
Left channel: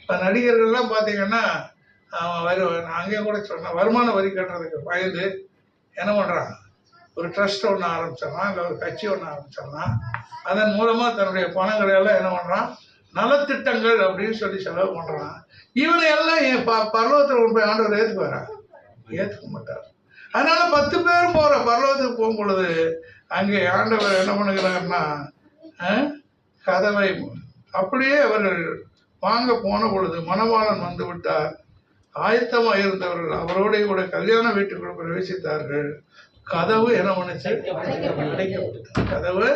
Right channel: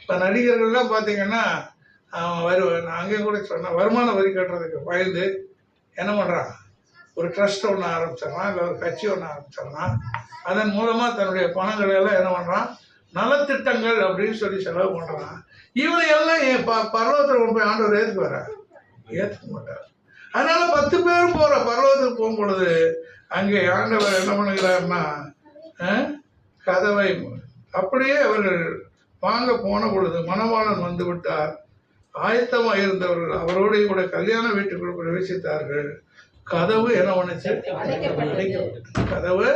இப்ப நடிகர்கள்லாம் பாத்தீங்கன்னா அவன் வருவான். அங்கே கூட சொன்ன வருமான வரி கட்டுறதுக்கு பயந்து என்ன பண்றான்? ஒரு ட்ரஸ்ட் ஒன்று ஆரம்பிச்சிடறான், இல்லை ஒரு கட்சி ஒன்று ஆரம்பிச்சிடறான். அதன் மூலமா தன்னுடைய பணங்களை எல்லாம் என்ன பண்றான்? நலத்திட்டங்கள் அப்படின்னு சொல்லி செலவு பண்றான். இவனை எல்லாம் பரலோகத்தில் போய் ஆண்டவர் ஏற்றுக்க மாட்டார். அதனால 10 பேரும் போற பரலோகத்துக்கு போகும் பொழுது அங்கே ஆண்டவர் என்ன பண்ணுகிறாருன்னா கதவை அப்படியே அவர்கள் வாங்க போன பொழுது மணவாளன் வந்து விட்டார். ஆயத்தமாக இருந்தவர்கள் அவரோட கூட கல்யாண வீட்டுக்குள் பிரவேசித்தார்கள். கதவு என்ன பண்ணுச்சு? அடைக்கப்பட்டது. கதவு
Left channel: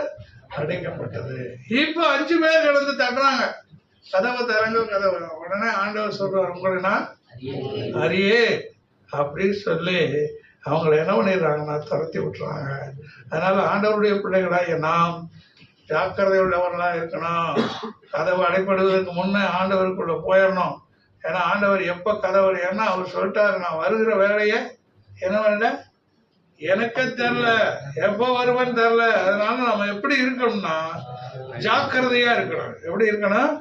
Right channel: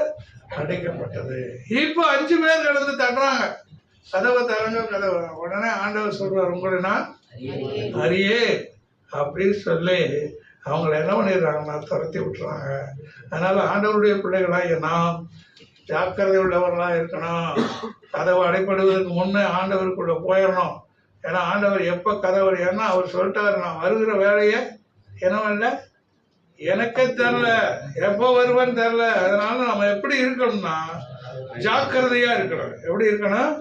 அடைக்கப்பட்டது. இப்ப 5 பேர் கடந்து தட்டுறாங்க, கதவை தரங்க, கதவை. உடனே ஆண்டவர் சொல்றார், உங்களை நான் அறியே அப்படின்னு சொல்லி அவங்களை என்ன பண்ணிடுறாங்கன்னா துரத்தி விட்டுறாங்க. அதனால ஆண்டவருடைய பிள்ளைகளாக நாம் ஜாக்கிரதை உள்ளவர்களா இருக்கணும். கதவு அடைப்படுவதற்கு முன்னே ஆண்டவருக்குள்ள போயிடணும். ஏன்னா ஆண்டவர் எப்ப கதவு, ஏன்னா அவர் சொல்லிட்டாரு, நான் வருகிற வேலையை என்ன எனக்கு தெரியல, எப்ப வருவேன்னு தெரியல. அதனால நம்ம எப்படி இருக்கணும்னா ஜாக்கிரதையா இருக்கணும். எப்படி இருக்கணும்?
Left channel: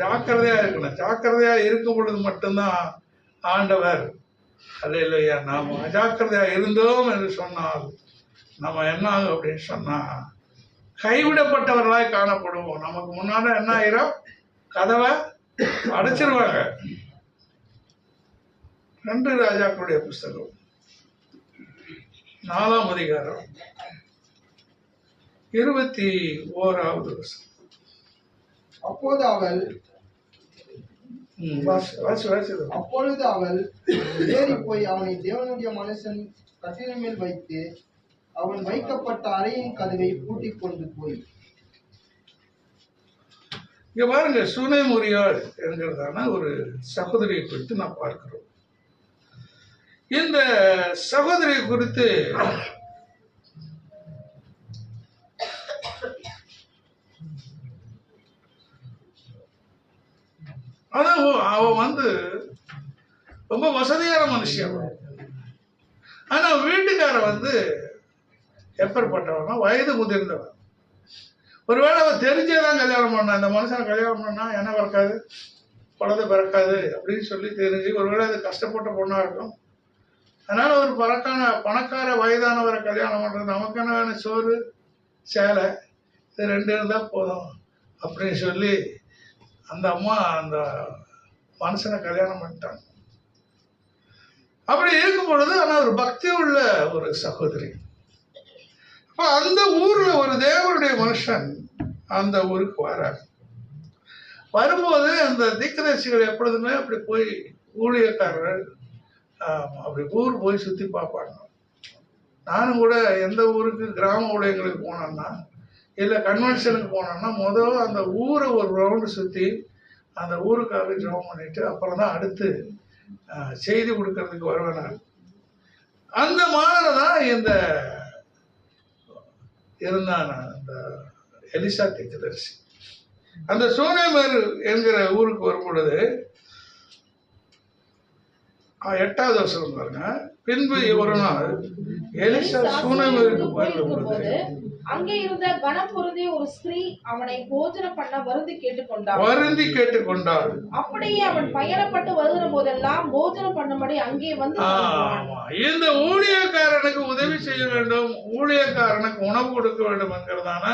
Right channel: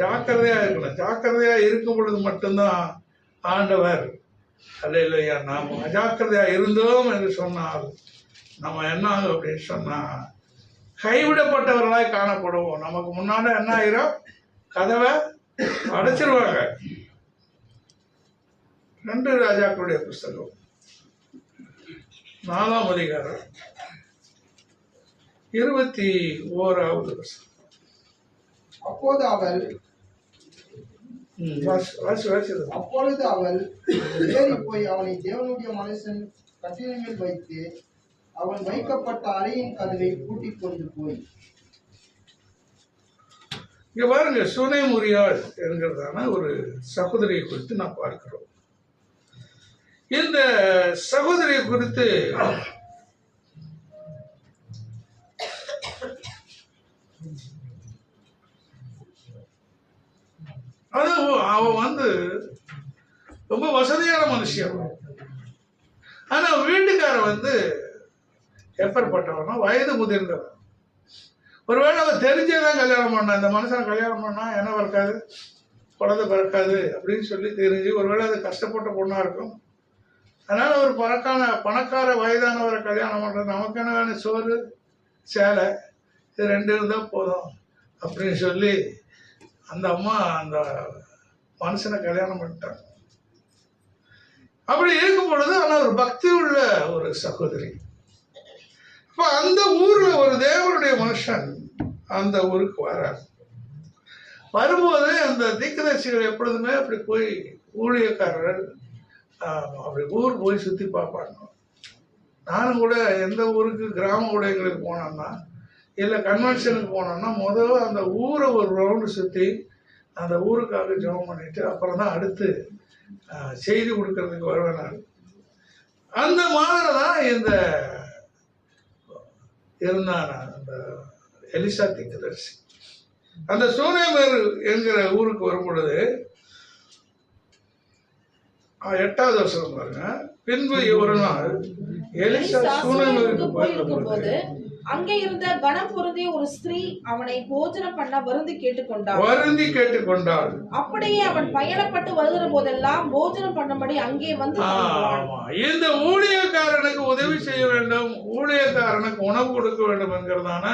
ஜாக்கிரதையா இருக்கணும். ஜாக்கிரதையா இருக்கும் பொழுது மட்டும்தான் ஆண்டவர் அல்லேலூயா நாம் அஜாக்கிரதையா இருந்தோம் என்று சொன்னால் நம்ம என்ன ஆகும் அப்படின்னு சொன்னா கைவிடப்பட்டவர்களாய் காணப்படுவோம். நமக்கு முன்னாடி என்ன ஆயிரும்? கதவை அடைச்சிருவாங்க. 2 ராஜாக்களுடைய புஸ்தகம் 4ஆம் அதிகாரம் 21வது வசனம். அப்பொழுது அவள் ஏறி போய் அவனை தேவனுடைய மனுஷன் கட்டிலின் மேல் வைத்து அவன் வைக்கப்பட்ட அறையின் கதவை பூட்டிக் கொண்டு போய். இங்க பாருங்க, சுனேமுரியாள் என்கிறதான ஒரு சகோதரியை குறித்து நான் பார்க்கிறோம். இந்த சகோதரியை குறித்து அவ ரொம்ப வசதியான மனுஷன். ஆனா வீட்டுக்காரன் எப்பேற்பட்டவனா, வயது முதிர்ந்தவன். ஒருவேளை அவன் தெரிஞ்சேதான் கல்யாணம் பண்ணா, இந்த மனுஷனை கல்யாணம் பண்ணா என்ன பிறக்காது, குழந்தை பிறக்காது அப்படின்னு சொல்லி தெரிஞ்சு, ஒருவேளை அது கஷ்டப்பட்ட பொண்ணா இருக்கும். அதனால ஒரு பணக்கார வயதானவரை கல்யாணம் பண்றது, நமக்கு என்ன வேணும், சோறு சேலை இது 2 இருந்தா போதும் அப்படின்னு சொல்லி அந்த அம்மா அந்த மனுஷனை கல்யாணம் பண்ணிட்டாங்க. அப்படி இருக்கும் பொழுது ஆனா ஒரு பக்தி உள்ள ஒரு சகோதரி. அப்ப அந்த ஊர்ல ஒரு தேவனுடைய மனுஷன் அந்த ஊருக்கு வரார். வரும்போது அந்த தீர்க்கதரிசிகள் எப்பொழுதுமே அப்படி போய் ஊழியக்காரர்கள் அப்படி ஊர் போய் சுத்தி பார்ப்பாங்க. நானும் கூட எந்த ஊருக்கு கிராம ஊழியர்களுக்கு போனோம்னா இல்லை கன்வென்ஷனுக்கு போனோம்னா முதல்ல அந்த ஊரை ஒரு ரவுண்டு சுற்றி அந்த ஊருக்காக ஜெபம் பண்ணிட்டு அப்புறம் தான் அடுத்து செய்தி கொடுக்கறதுக்கு வருவேன் நான். அந்த மாதிரி தான் இந்த இருந்தான் அந்த எலிசா தீர்க்கதரிசி. அந்த சூனேமர் என்கிற ஊருக்கு வரும் பொழுது 8வது வருஷம் பாருங்க, பின்பு ஒரு நாள் எலிசா சூனேமருக்கு போயிருக்கும் போது அங்கே இருந்த கனம் பொருந்திய ஒரு ஸ்திரீ அவனை போஜனம் பண்ண வருந்தி கேட்டுக்கொண்டாள். அப்படியே அவன் பயணப்பட்டு வருகிற போதெல்லாம் போஜனம் பண்ணும்படி அங்கே வந்து இந்த ஊழியக்காரனுக்கு உதவி செய்ய வேண்டும், ஊழியக்காரனுக்கு உணவு கொடுக்க வேண்டும் என்கிறதான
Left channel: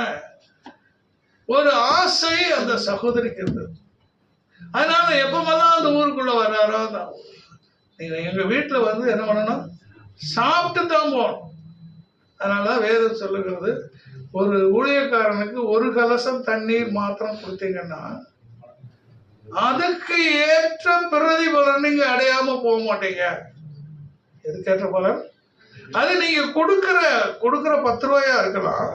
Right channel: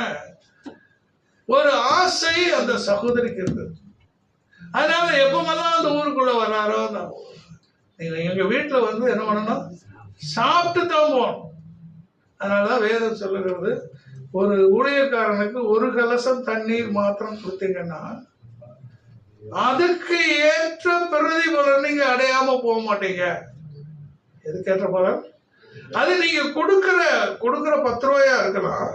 ஒரு ஆசை அந்த சகோதரிக்கு இருந்தது. அதனால எப்பமெல்லாம் அந்த ஊருக்குள்ள வர்றாரோ, நீங்க எங்க வீட்டுல என்ன பண்ணணும், சாப்பிட்டு தான் போகணும். அதனாலதான் வேதம் சொல்லுகிறது, ஒரு ஊழியக்காரனுக்கு 1 கலசம் தண்ணீர் மாத்திரம் கொடுத்தீங்கன்னா அதுக்கு ஏற்ற பிரதிபலன் நீங்க அடையாம போக மாட்டீங்க. எதுக்கு ஏற்ற பலன்? அது நீங்க கொடுக்கிற 10 ரூபாயா இருக்கலாம்,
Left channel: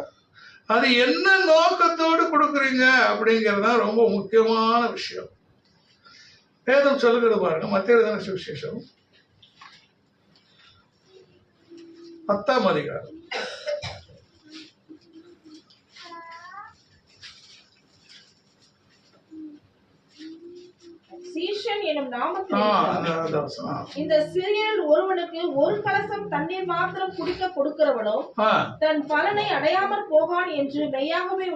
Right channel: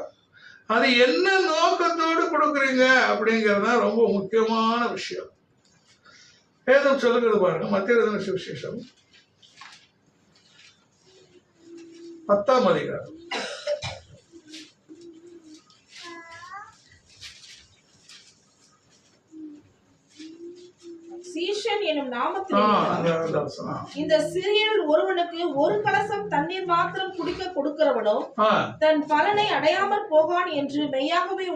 அது என்ன நோக்கத்தோடு கொடுக்குறீங்க அப்படிங்கிறது தான் ரொம்ப முக்கியமான விஷயம். வேதம் சொல்லுகிறது பாருங்க, மத்திய சுவிசேஷம் 10ஆம் அதிகாரம் சீஷன் எனும் நாமத்தில் இந்த சிறியரில் ஒருவனுக்கு 1 கலசம் தண்ணீர் மாத்திரம் குடிக்க கொடுக்கிறவனும் தன் பலனை அடையாமல் போகான் என்று மெய்யாகவே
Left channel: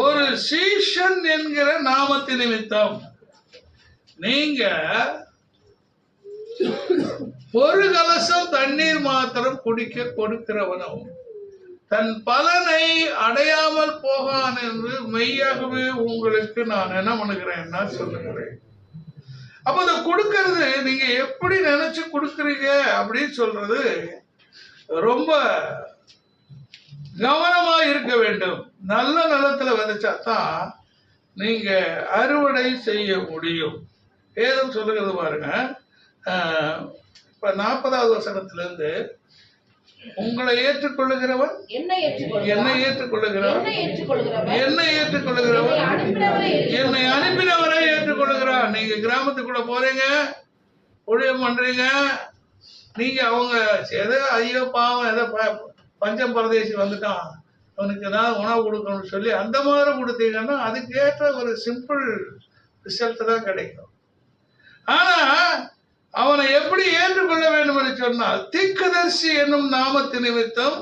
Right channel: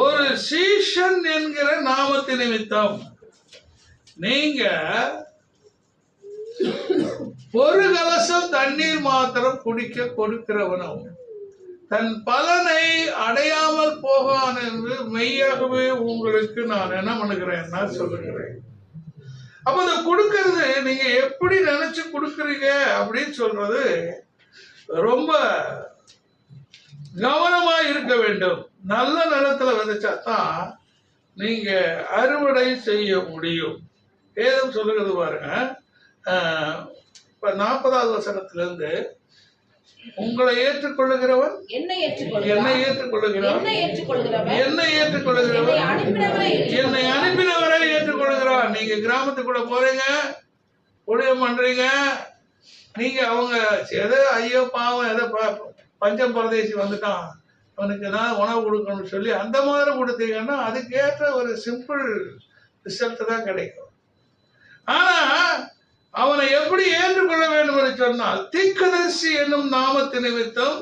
ஒரு சீஷன் என்கிற நாமத்தின் நிமித்தம் நீங்க 1 கலசம் தண்ணீர் மாத்திரம் குடிக்க கொடுக்கிறவனும் தன் பலனை அடையாமல் போகான் என்று மெய்யாகவே உங்களுக்கு நான் என்ன பண்ணுகிறேன்னா சொல்லுகிறேன். அப்ப அதை கொடுக்கறது நீங்க எப்படி நினைச்சு கொடுக்குறீங்க அப்படின்னு சொல்றது ரொம்ப கவனமா இருக்க வேண்டும். நல்ல நிலத்துல விதைச்சாதான் நீங்க அறுவடை செய்ய முடியும். வேதம் சொல்லுகிறது பாருங்க, இப்ப 40வது வசனத்திலிருந்து உங்களை ஏற்றுக்கொள்ளுகிறவன் என்னை ஏற்றுக்கொள்ளுகிறவன் என்னை அனுப்பினவரை ஏற்றுக்கொள்ளுகிறான். நீங்க கிராமத்துக்குள்ள போறீங்க, ஊழியம் பண்றீங்க, நீங்க அவங்க எதோ ஐயோ பாவம் ஏதோ பஞ்சம் பரதேசி வந்துட்டான் அவனுக்கு ஏதாவது உணவு கொடுக்கணும்னு சொல்லி அந்த மாதிரி கொடுத்தீங்கன்னா அதுக்கேற்ற ஒரு சிம்பிள் ரிசல்ட் தான் கிடைக்கும். ஆனா அவனை எப்படி ஏற்றுக்கொள்ள வேண்டும் என்று சொன்னால் தீர்க்கதரிசி என்னும் நாமத்து நிமித்தம்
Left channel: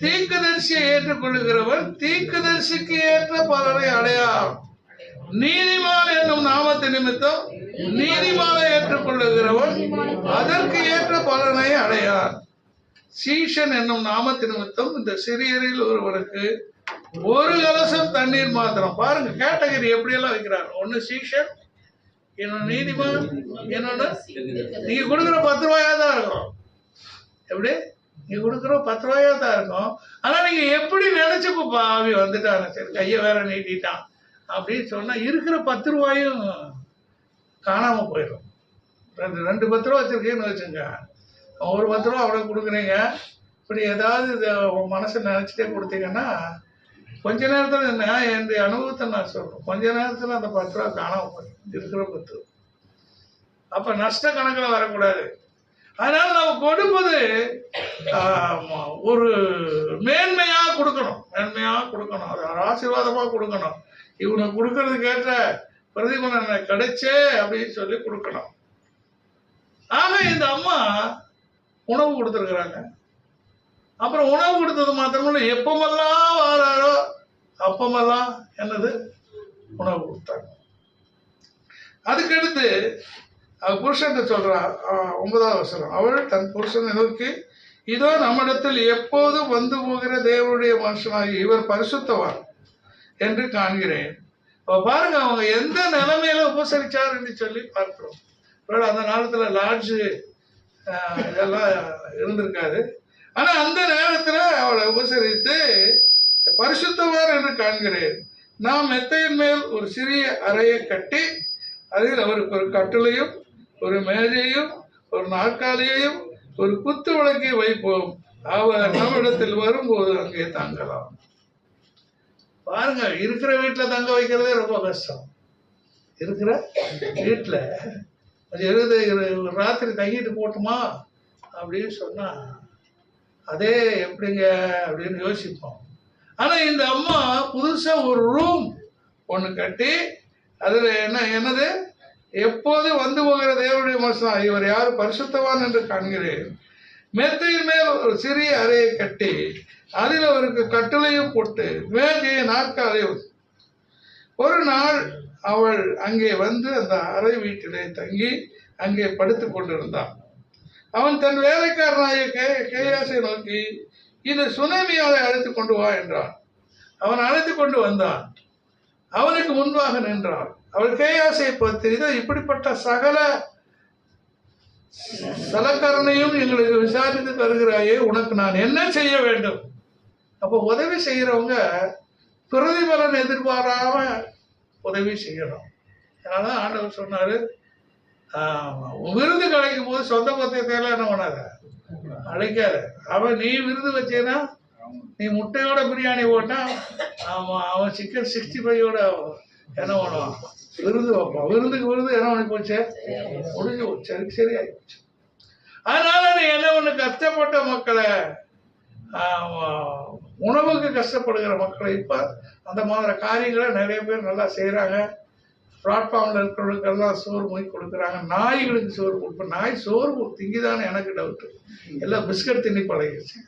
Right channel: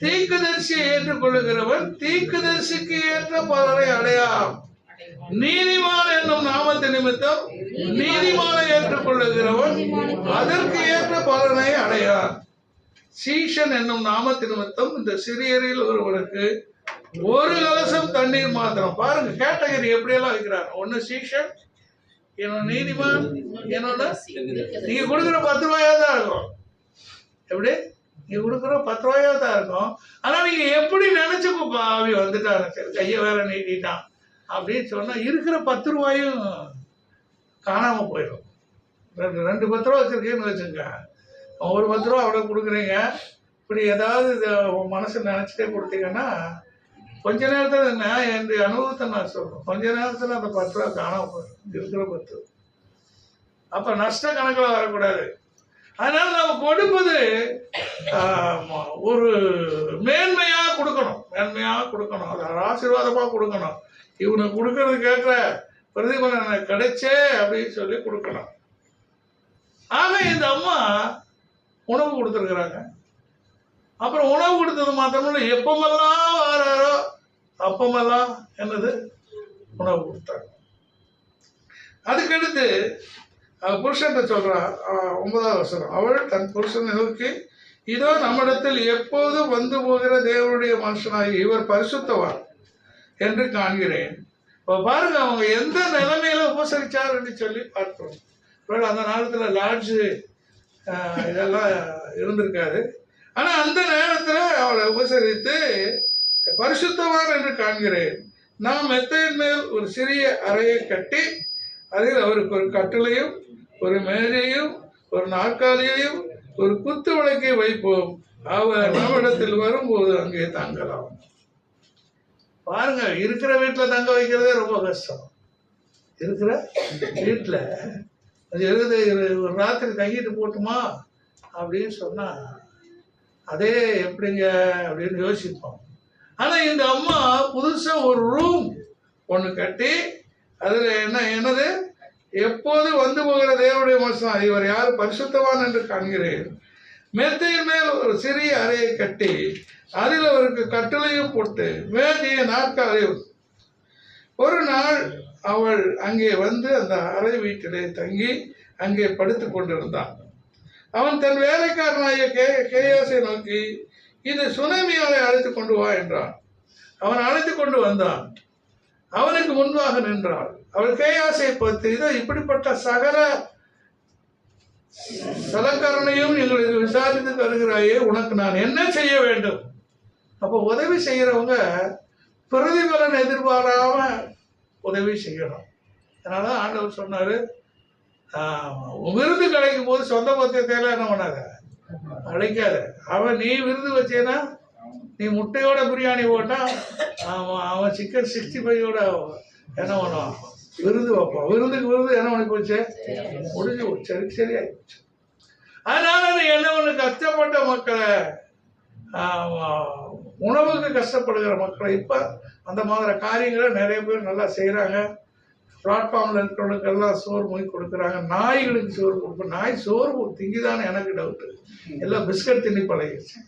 தீர்க்கதரிசியை ஏற்றுக்கொள்ளுகிறவன் தீர்க்கதரிசிக்கு ஏற்ற பலனை அடையார். நீதிமான் என்னும் நாமத்து நிமித்தம் நீதிமானை ஏற்றுக்கொள்ளுகிறவன் அதற்கு ஏற்ற பலனை அடையார். சீஷன் என்னும் நாமத்து நிமித்தம் இந்த சிறியரில் ஒருவனுக்கு ஒரு கலசம் தண்ணீர் மாத்திரம். பாருங்க கேட்டகரி எப்படியெல்லாம் வைக்கிறார். ஒன்னு சீஷன், இன்னொன்னு நீதிமான், இன்னொன்னு நீங்க கொடுக்குற 10 ரூபாயா தான் இருக்கும். எப்படி நீங்க கொடுக்குற 10 ரூபாயா தான் இருக்கும். ஆனா நீங்க எப்படி நினைச்சுக்கோப்பா அவ வந்துட்டாங்க, சரி கையை வேற நீட்டிட்டான் அப்படின்னு சொன்னா இருக்கிற 10 ரூபாயும் காணாம போயிடும். ரெண்டு 10 ரூபா வச்சிருக்கேன்னு வச்சுங்க, ஒரு 10 ரூபா அவ்வளோ கொடுக்குறீங்க. இப்படி ஏதாவது உன் மனசை நினச்சிட்டே கொடுத்தீங்கன்னா கொஞ்ச நேரத்தில் என்னுடைய அனுபவத்தை நான் சொல்கிறேன், கொஞ்ச நேரத்தில் அந்த 10 ரூபா காணாம போயிடும் இருக்கிற 10. அப்போ நஷ்ட கணக்கில் வரக்கூடாது. அதனால நம்ம கொடுப்பது ஒரு மேன்மையாக கொடுக்கணும், மேன்மையாக கொடுக்கணும், அது ஆசீர்வாதமாக கொடுக்கணும். இவனுக்கு கொடுக்கறதுக்கு ஏற்ற பிரதிபலனை கிடைச்சே அப்படின்னு சொல்லி கொடுக்கணும். ஆக இந்த அம்மா உணவு கொடுத்துருக்குறாங்க. அப்புறம் உணவு கொடுத்தது மாத்திரமில்ல, எப்பமெல்லாம் வாராரோ அப்பமெல்லாம் என்னது உணவு கொடுத்தாங்க. அதுக்கடுத்து அவள் புருஷன் சொல்றா, 9வது வசனம், அவள் தன் புருஷனை நோக்கி, இதோ நம்மிடத்தில் எப்போதும் வந்து போகிற தேவனுடைய மனுஷனாகி இவர் பரிசுத்தவான் என்று காண்கிறேன். பாருங்க அவங்க எந்த நிலைமையில உபசரிச்சார் என்று சொல்லி பார்க்கிறோம். அந்த காலத்துல லாட்ஜு இதெல்லாம் இருந்திருக்காது. ஆனா அந்த நேரத்துல அவளை உபசரித்து பரிசுத்தவான் என்று காண்கிறேன். நாம் மெத்தையின் மேல் ஒரு சிறிய அறையை கட்டி அதில் அவருக்கு ஒரு கட்டிலையும் ஒரு மேஜையும் ஒரு நாற்காலியையும் ஒரு குத்து விளக்கை வைப்போம், அவர் நம்மிடத்தில் வரும்போது அங்கே தங்கலாம். பாருங்க, இருக்கிற வீட்டுல தங்க வைக்கிறதே ரொம்ப கஷ்டம். இருக்கிற வீட்டுல ராத்திரி தங்கிட்டு போட்டுமா அப்படின்னு சொன்னா அதே எப்படிங்க அப்படின்னு யோசிப்போம். ஆனா இந்த அம்மா புதுசா ஒரு ரூம் ஒண்ணு கட்டி அதுல என்னது எப்போது வந்து போகிற தேவனுடைய மனுஷன் இவர் யாரு பரிசுத்தவான் என்று காண்கிறேன். மெத்தையின் மேல் ஒரு சிறிய அறையை கட்டி அதில் அவருக்கு கட்டளையும் போட்டு மேஜையை நாற்காலியும். ஒரு நாள் அவள் அங்கே வந்து அந்த அறை வீட்டிலே தங்கி அங்கே படுத்து கொண்டிருந்தான். அவன் தன் வேலைக்காரனாய கேயாசை நோக்கி, இந்த சுனேமியாவை அழைத்து கொண்டு வா என்றான். அவன் அழைத்து கொண்டு வந்தான். அவனுக்கு முன்பாக நின்றாள். அவள் கேயாசை பார்த்து, இதோ இப்படிப்பட்ட சகல சலக்கரணையும் எங்களுக்கு விசாரித்து தருகிறாயே, உனக்கு நான் என்ன செய்ய வேண்டும்? அப்போ உதவி செய்கிறவங்க பிரதிபலன் எதிர்பாராம உதவி செய்யணும். அதனால ஆண்டவர் சொன்னாரு, விருது கிடைக்கும் போது சொந்த பத்தியத்தையெல்லாம் என்ன பண்ணாத, அழைக்காத. அவன் நீ விருது வச்சேன்னா, நீ முட்டையோட பிரியாணி போட்டா அவன் சிக்கன் 65 என்ன பண்ணுவான், விருது வைப்பான். விருதுக்கு விருது என்ன பண்ணி போச்சு, முடிஞ்சு போச்சு, சரியாயி போச்சு. அதனால நீ என்ன ஒண்ணு, கஷ்டப்பட்ட மக்களை, உணவுக்கு கஷ்டப்படுகிற மக்களை இப்ப அந்த மாதிரி காரியங்களை நிறைய பேர் நல்லா செய்யறாங்க. பிளாட்ஃபார்ம்ல இருக்கிறவங்களுக்கெல்லாம் சோறு மூடி கொடுக்குறாங்க. நாய்களுக்கு சோறு கொடுப்பேன். நாய் சோறு திங்கிதானே எனக்கு டவுட்டு. எல்லாம் பிஸ்கட் தின்னி பழகிடுச்சு.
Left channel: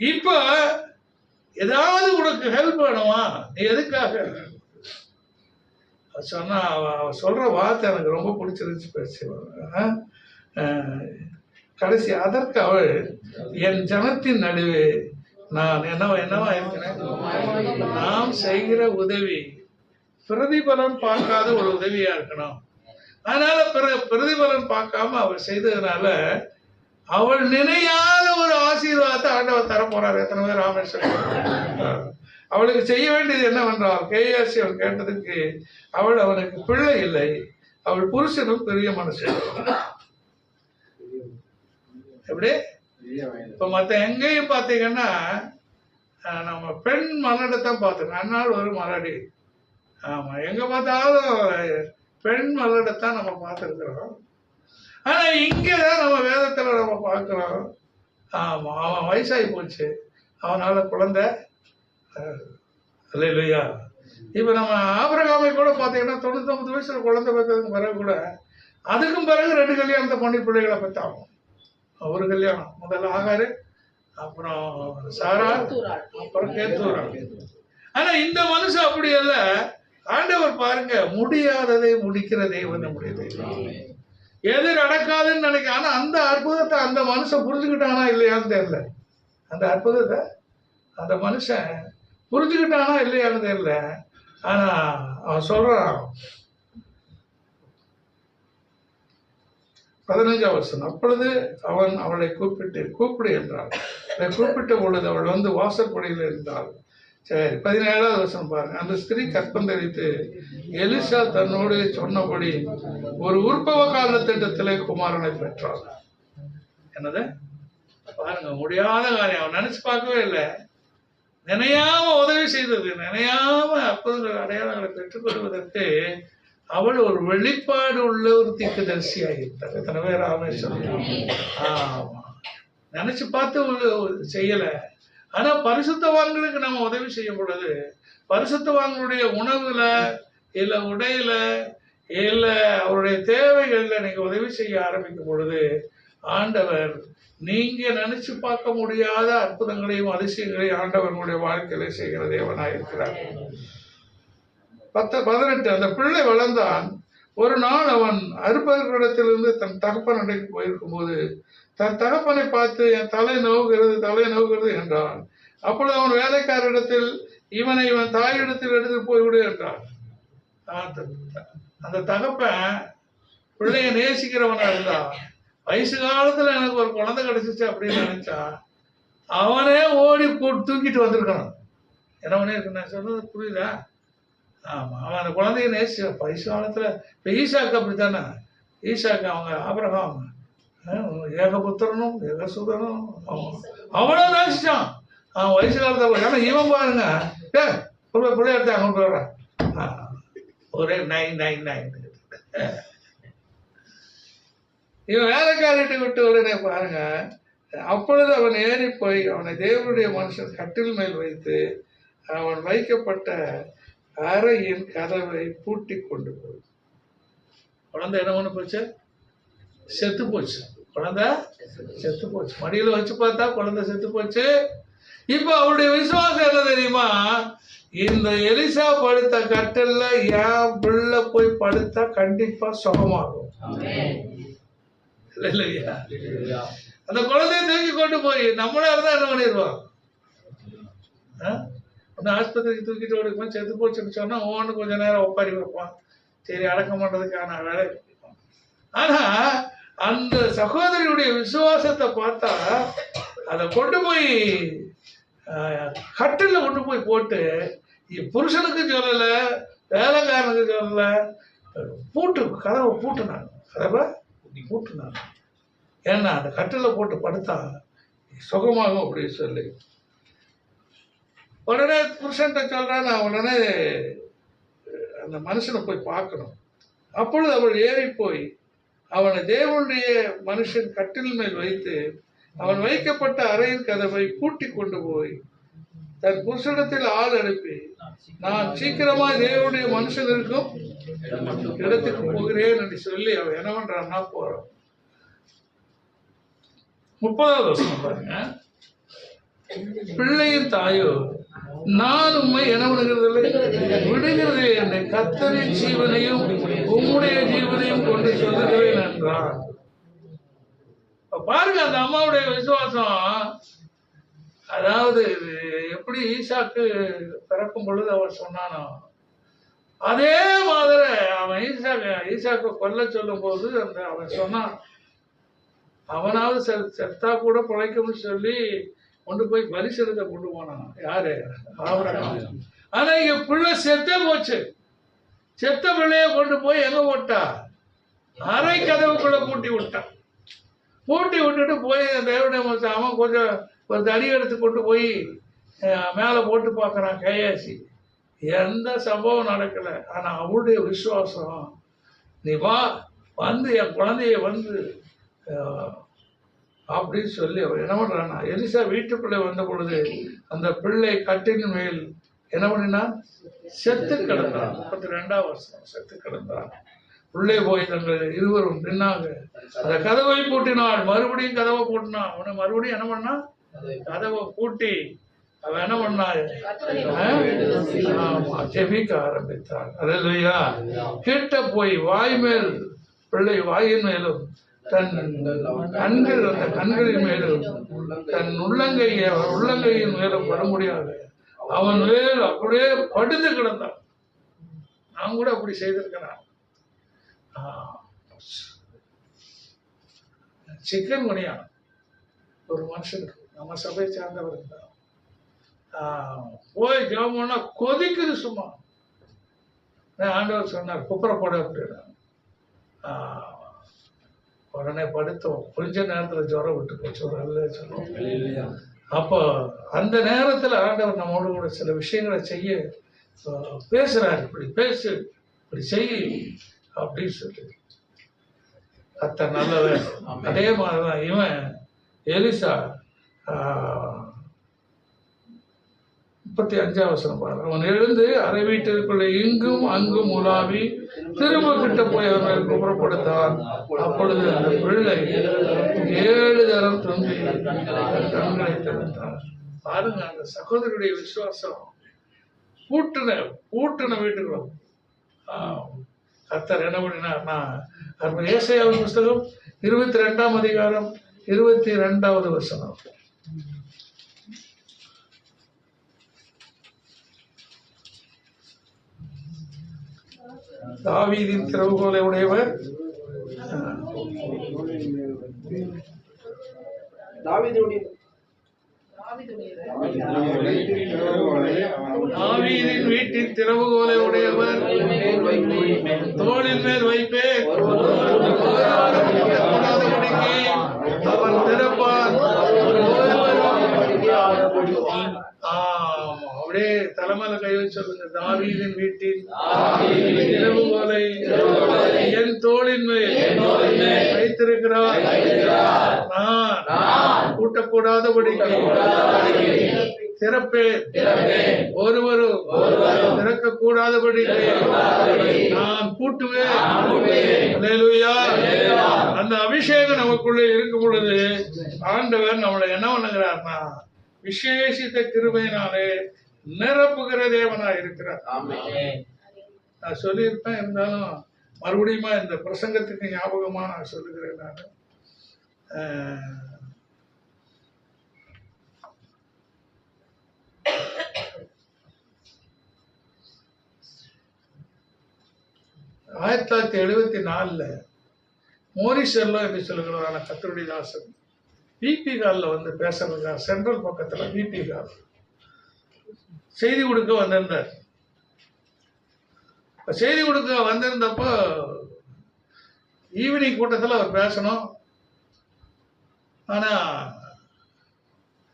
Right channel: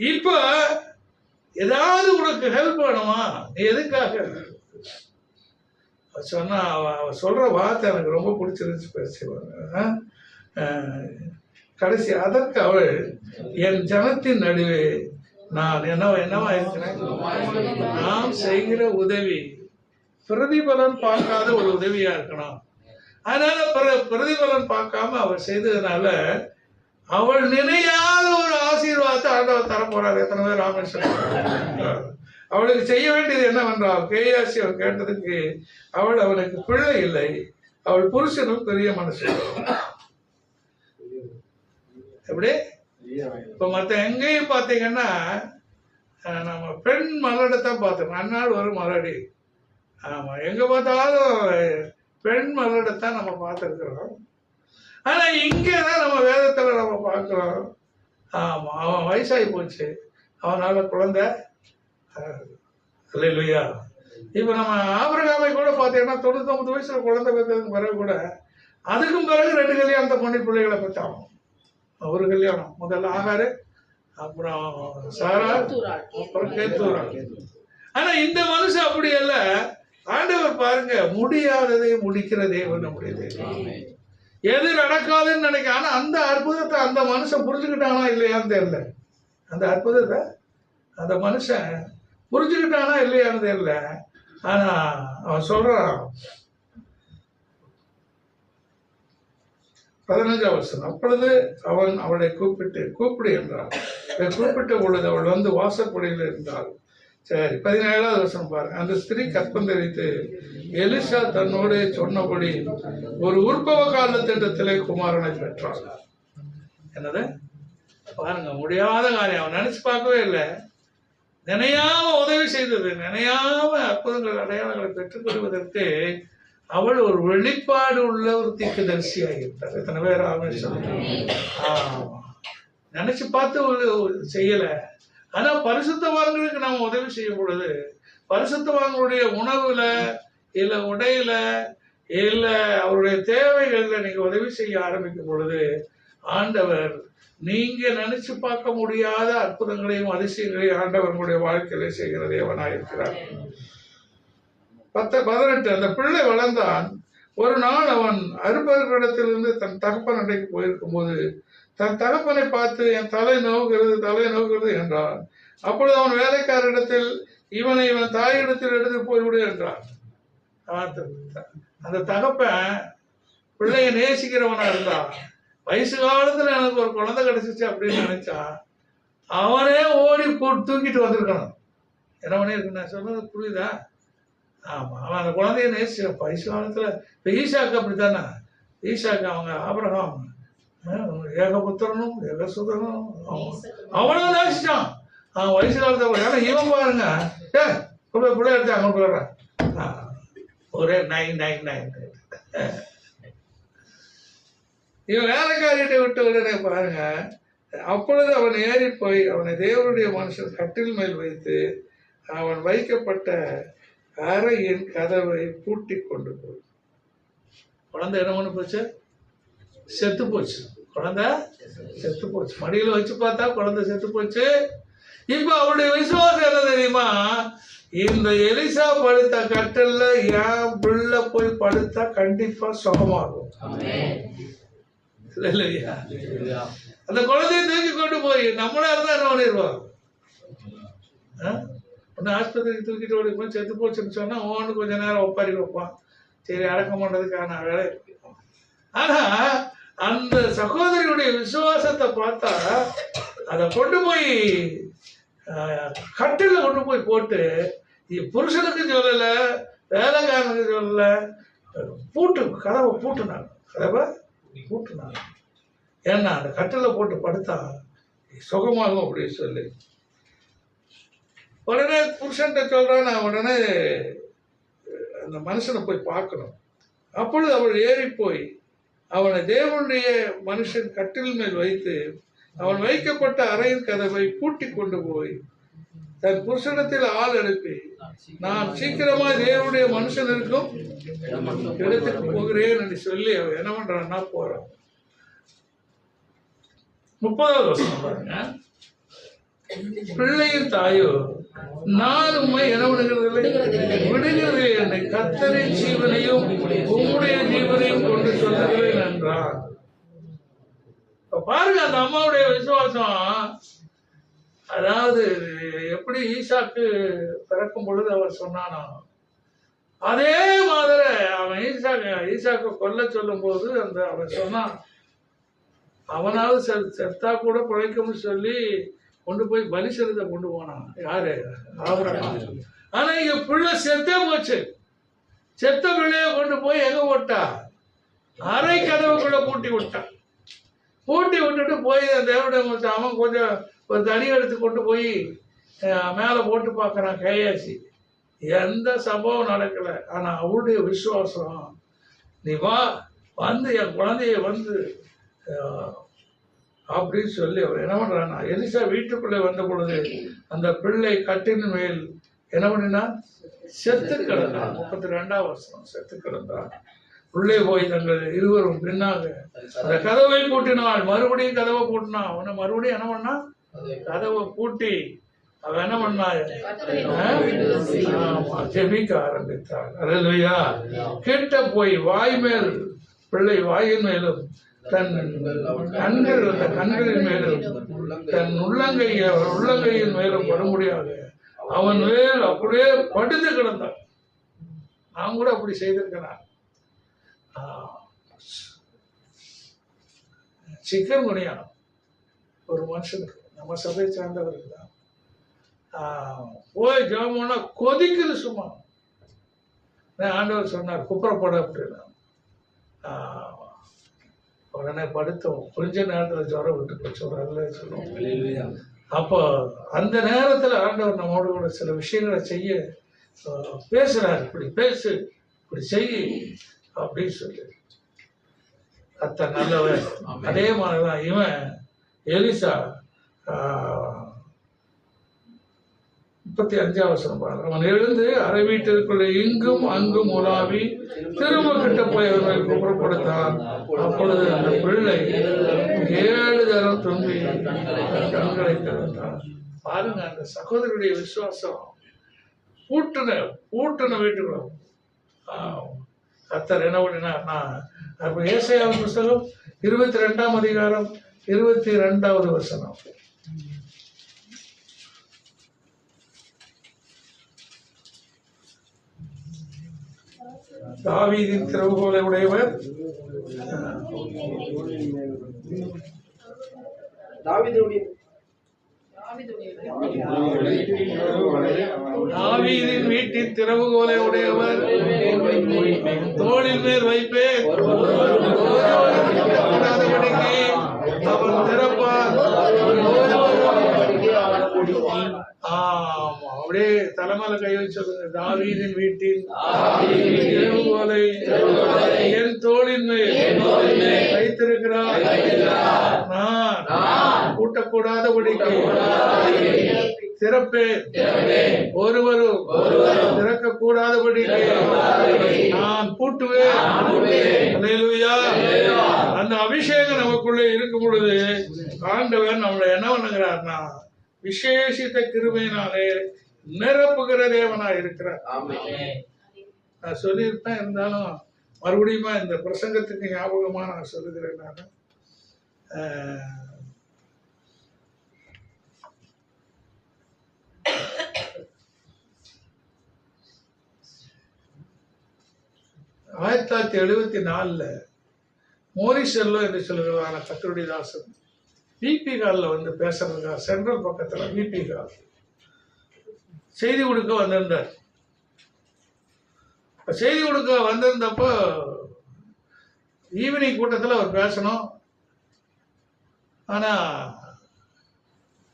இப்ப ஏதாவது உனக்கு ஹெல்ப் வேணுமா, நீ எதுக்காக சொன்னா அவ சொல்ற வார்த்தை எனக்கு ரொம்ப பிடிச்சிருந்துச்சு. பேசுவாங்க கடைசி, அதற்கு அவள், என் ஜனத்தின் நடுவே நான் என்னவா இருக்கிறேன், நாம் செய்கிற உதவி பிரதிபலன் பார்க்காத ஒரு உதவியா இருக்கணும். அதனால பிரதிபலன் பார்க்காம அவள் செய்ததுனால அவள் நினையாத ஒரு ஆசீர்வாதத்தை ஆண்டவர் தரப்போறார். எத்தனை பேர் ராமேஸ்வரன் அவளுக்கு செய்ய வேண்டியது என்னவென்றால், கேயாசி அவள் கேட்டதுக்கு, அவள் அவனுக்கு பிள்ளை இல்லை, அவள் புருஷனும் பெரிய மனுஷன். எப்படி இப்ப மற்ற எங்கேயும் பார்த்தீங்கன்னா நம்ம பெண் மலடைத்தான் பார்த்துருக்கோம். அந்நாள் ஒரு மலடி. ஆமா, எங்க பார்த்தாலும் பெண் மலடைத்தான் நம்ம பார்த்துருக்குறோம். ஆனா இங்கதான் நம்ம வேதத்துல நம்ம பார்க்கிறோம். ஆமா, அவன் வயசாகி போச்சு, அவனால குழந்தை இல்லையா. இப்ப நம்ம ஆபிரகாமை கூட பார்த்தீங்கன்னா 99 வயசுல குழந்தை பெற்றதுக்கு பிறகு கூட, அதுக்கும் பிறகு 2 கல்யாணத்தை பண்ணி பிள்ளைகளை பெற்றாகும். ஒரு கல்யாணம், முதல்ல ஆகாரு, அப்புறம் சாரா, தூராள். அப்புறம் கேத்தூரா. ஆனா இந்த மனுஷன் அப்படி அல்ல. ஆண்டவர் பாருங்க, முடியாததை முடிக்கிற தேவன் நம்முடைய தேவன். எது நடக்காதுன்னு நினைக்க, ஆனா அந்த அற்புதத்தை அந்த மனுஷன் புரிஞ்சுக்கிட்டானா இல்லையான்னு தெரியல. அந்த அற்புதத்தை அந்த மனுஷன் புரிஞ்சுக்கிட்டானா இல்லையான்னு தெரியல. ஆனா அவன் சொல்றான், 15ஆம் வசனம், அப்பொழுது அவன் அவளை கூப்பிடு என்றான். கூப்பிட்ட பொழுது அவள் வந்து வாசற்படியில் இருந்தாள். சரி, 17ஆவது வசனம் பாருங்க. அந்த ஸ்திரீ கற்பம் தரித்து எலிசா தன்னோடு சொன்னபடி ஒரு உற்பவ கால திட்டத்திலே குமாரனை பெற்றாள். என்னது பாருங்க, முடியாத காரியம் அவன் நினைச்சு பார்க்கவே இல்லை. நினையாம உதவி செய்தது, நினையாம அற்புதங்கள் அடையாளங்களை பெற்றுக்கொள்வதற்கு அவள் ஒரு வெளிப்பாடு உள்ள ஒரு தீர்க்கதரிசியாக இருந்தார். எத்தனை பேர் ஆமே சொல்லுங்க. ஆமா, நினைச்சு பார்த்து செய்யல. ஆனா பரிசுத்தவான்களுக்கு நம்ம உதவி செய்யும் பொழுது, பரிசுத்தவான்களுடைய உணவுல இல்ல உடையில இல்ல அவருடைய தேவைகள்ல நீங்க உதவி செய்ய ஆரம்பிக்கும் பொழுது, ஆண்டவர் நீங்க நினைச்சு பார்க்க முடியாத அற்புதங்களையும் அதிசயங்களையும் ஆண்டவர்களுடைய வாழ்க்கையில செய்கிற தேவனாக இருக்கிறார். 18, அந்த பிள்ளை வளர்ந்தான். ஒரு நாள் அவன் அறுப்பவர்களிடத்திலிருந்து தன் தகப்பன் அடைக்கு போயிருக்கும் போது தன் தகப்பனை பார்த்து, என் தலை நோவுகிறது என்றான். அப்பொழுது அவன் வேலைக்காரரிடத்தில், இவன் தாயிடத்தில் எடுத்து போய்விடு என்றான். அந்த தகப்பன் பிள்ளைய நேசிக்கிறவனா இருந்தா, வயசு காலத்துல எனக்கு ஒரு குழந்தை கிடைச்சிச்சு அப்படின்னு நினைச்சா அவனே ஓடி தூக்கிட்டு வந்திருக்கணும். என்ன பண்ணிருக்கு, நான் சொன்னது புரியுதா? ஆமா, அவன் அந்த குழந்தைய நேசி வயசு காலத்துல. இப்ப ஈசாக்கு அப்படித்தானே. ஈசாக்கு அவங்க ஆபிரகாம் ஏகபுத்திரனும் ஏகசுதனும் அவனும் நேசிச்சான் அவன் வயசு காலத்துல. ஏன்னா இவன் பாருங்க, பிள்ளை எடுத்து அங்க போயிடுறான், ஒரே 999. இவன் வேலைக்காரிட்ட விட்டு உடனே பாருங்க. அப்பொழுது அவன் ஏறி போய் அவனை தேவனுடைய மனுஷன் கட்டில் மேல் வைத்து அவன் வைக்கப்பட்ட அறையின் கதவை பூட்டி கொண்டு போய், குழந்தை என்ன பண்ணு போச்சு, செத்து போச்சு. குழந்தை செத்து போச்சு. மடியில வச்சு பார்த்தா குழந்தை செத்து போச்சு. இப்ப அவருடைய விசுவாசம் என்ன தெரியுமா, இந்த எலிசா படுத்த கட்டல்ல என் பிள்ளை போய் படுத்தா கண்டிப்பா சுகமாகும். இல்லையா? அந்த குழந்தைய தூக்கி கொண்டு போய் நம்மளா இருந்தா என்ன பண்ணிடுவோம், ஒன்னு ஆஸ்பத்திரிக்கு தூக்கிட்டு ஓடி போய் செத்து போச்சுன்னு சொன்னா ஒவ்வொன்று கொஞ்ச நேரம் ஒப்பாரி வைப்பான், சரி அடக்கம் பண்றதுக்கான வேலை. ஆனா அந்த சகோதரியுடைய விசுவாசத்தை பார்த்தா அதை கொண்டு போய் கட்டில கொண்டு போய் போட்டு, புருஷனுக்கு சொல்லல, வேலைக்காரனுக்கு சொல்லல, கதவை பூட்டுனாங்க. ஏன்னா அந்த கட்டில போட்டு படுத்தா சுகமாகும் அப்படின்னு சொல்லி. உடனே புருஷன்ட்ட சொல்றான், நான் உடனே அந்த மனுஷனை போய் பார்க்கணும். அப்பொழுது அவள் ஏறி போய் அவனை தேவனுடைய மனுஷன் கட்டில் மேல் வைத்து அவன் வைக்கப்பட்ட அறையின் கதவை பூட்டி கொண்டு போய் தன் புருஷனிடத்தில் ஆள் அனுப்பி, நான் சீக்கிரமா தேவனுடைய மனுஷன் இருக்கும் இடத்துக்கு போகிறேன் என்று சொல்லி அவன் என்ன பண்றான்னா போறான். 30வது வசனம் பாருங்க. பிள்ளையின் தாயோ, நான் உண்மை என்ன விடுகிறது என்னை கர்த்தரின் ஜீவனையும் உம்முடைய ஜீவனையும் கொண்டு சொல்லுகிறேன் என்றான். பாருங்க அந்த அம்மாவுடைய விசுவாசம். அதாவது எப்படி ஈசாக்கு பிறக்கும் பொழுது அவர் சொன்னானோ அதே மாதிரி அவன் ஈசாக்கு கொல்ல சொல்லும் போது அவன் சொன்னான், அவனாவது செத்தா கூட பிழைக்கும்னு சொல்லி கொண்டு போய் பலிசெலுத்த கொண்டு போனான். யாரு? ஆபிரகாம். ஆனா இங்க பிள்ளை செத்தே போச்சு. செத்த பிள்ளைய கொண்டு போய் எங்க போட்டா, அரை கதவுக்குள்ள பூட்டி விட்டான். பூட்டி விட்டுட்டு போய் தேவனுடைய அவன் கொஞ்சம் ஒரு தடி எடுத்து கொண்டு போய் மேலே போட்டு பார்க்குறான் கையாசி. எந்த சம்பவம் நடக்கல. ஆனா அவளுடைய விசுவாசம், நீ வா வந்து என் குழந்தைய வந்து அப்படின்னு சொல்லி அவர் என்ன பண்றான்னா, எலிசா வீட்டுக்குள்ளே வந்த பொழுது அந்த பிள்ளை கட்டின் மேல் என்ன பண்ணினா செத்து கிடந்தான். 32ஆம் வருஷம் செத்து கிடந்தான். உள்ளே போய் தங்கள் இருவரும் பின்னாக அந்த கதவை பூட்டினாள். மறுபடியும் கதவை பூட்டினான். அவனை மறுபடியும் என்ன பண்ணா, கதவை பூட்டி அவன் என்ன பண்ணா, ஜெபிக்க ஆரம்பித்தான். அல்லேலூயா. கிட்ட போய் வாய் மேல், பிள்ளை வாயின் மேலும் தன் கண்கள், அந்த கண்களின் மேலும் தன் உள்ளங்கையின் மேலும் படும்படியாக அவன் மேல் அப்படியே படுத்து கிடந்தான். நான் கூட அப்படி செய்திருக்கேன். சிக்கன் குனியா ஒரு மனுஷனுக்கு, நம்ம சபையை சார்ந்தவருக்கு தான், போய் ஜெபம்னா கொதிக்குது சும்மா. ஆண்டவர் சொன்னார் குப்புறப்பட அப்படின்னா, உடனே படுத்தோம். கொஞ்ச நேரத்தில் ஜுரம் விட்டு போச்சு, ஒரு அல்ல சொல்லுவோம். அப்போ அந்த நேரத்தில் ஆண்டவர் நம்மோடு கூட சில விஷயங்களை செய்ய பேசுறாரு. இப்படி பேசு, இப்படி செய் அப்படின்னு சொல்லி கர்த்தர் நல்லவர். அதே மாதிரிதான் இவன் எலிசா 35 பாரு. அவன் எழுந்து அரை வீட்டிற்குள்ளே இங்கும் அங்கும் உலாவி திரும்ப கிட்ட போய் அவர்களை குப்புறப்படுத்தான். அப்பொழுது அந்த பிள்ளை 7 தரம் துன்பி கண்களை திறந்தான். பாருங்க அந்த சகோதரருடைய விசுவாசம். பூட்டின வீட்டுக்குள்ள கர்த்தர் என்ன பண்ணினார். ஏசாயாவின் புஸ்தகம் 22ஆம் அதிகாரம் 22வது வசனம். தாவீதின் திறவுகோலை உடையவர், தாவீதின் வீட்டின் திறவுகோலை உடையவர், தோளின் மேல் வைப்பேன், கூடாதபடிக்கு அவன் திறப்பான். அப்படியே தலைமையில கை வச்சிருங்க. தாவீதின் வீட்டின் திறவுகோலை என் தோளின் மேல் வைத்திருக்கிறார். நான் கூட்டக்கூடாதபடிக்கு திறப்பேன், ஒருவரும் திறக்க கூடாதபடிக்கு நான் பூட்டுவேன். அல்லேலூயா. அந்த அபிஷேகம் நமக்குள்ளே இருக்கும் பொழுது ஆண்டவர் நம்மளை என்ன பண்ணுகிறார்னா விசேஷித்த கிருபையினாலே நிரப்புகிற தேவனா இருக்கிறார். நான் சொல்லியிருப்பேன், இருந்தாலும் மறுபடியும் இந்த பிரசங்கத்துக்கு ஞாபகமா நான் சொல்லுகிறேன். நான் 1974 மோரிஷெல்லோ என்று சொல்லுகிறான கர்த்தருடைய தாசன் பிபி காலில் வந்து பேசுறதுக்காக சென்ட்ரல் பக்கத்தில் பிபி கால் செய்தி கொடுக்க வந்திருந்தார். செய்தி கொடுக்க வந்திருந்தப்போ ஈவினிங் கூட்டத்தில் அவர் பேசணும். ஆனால்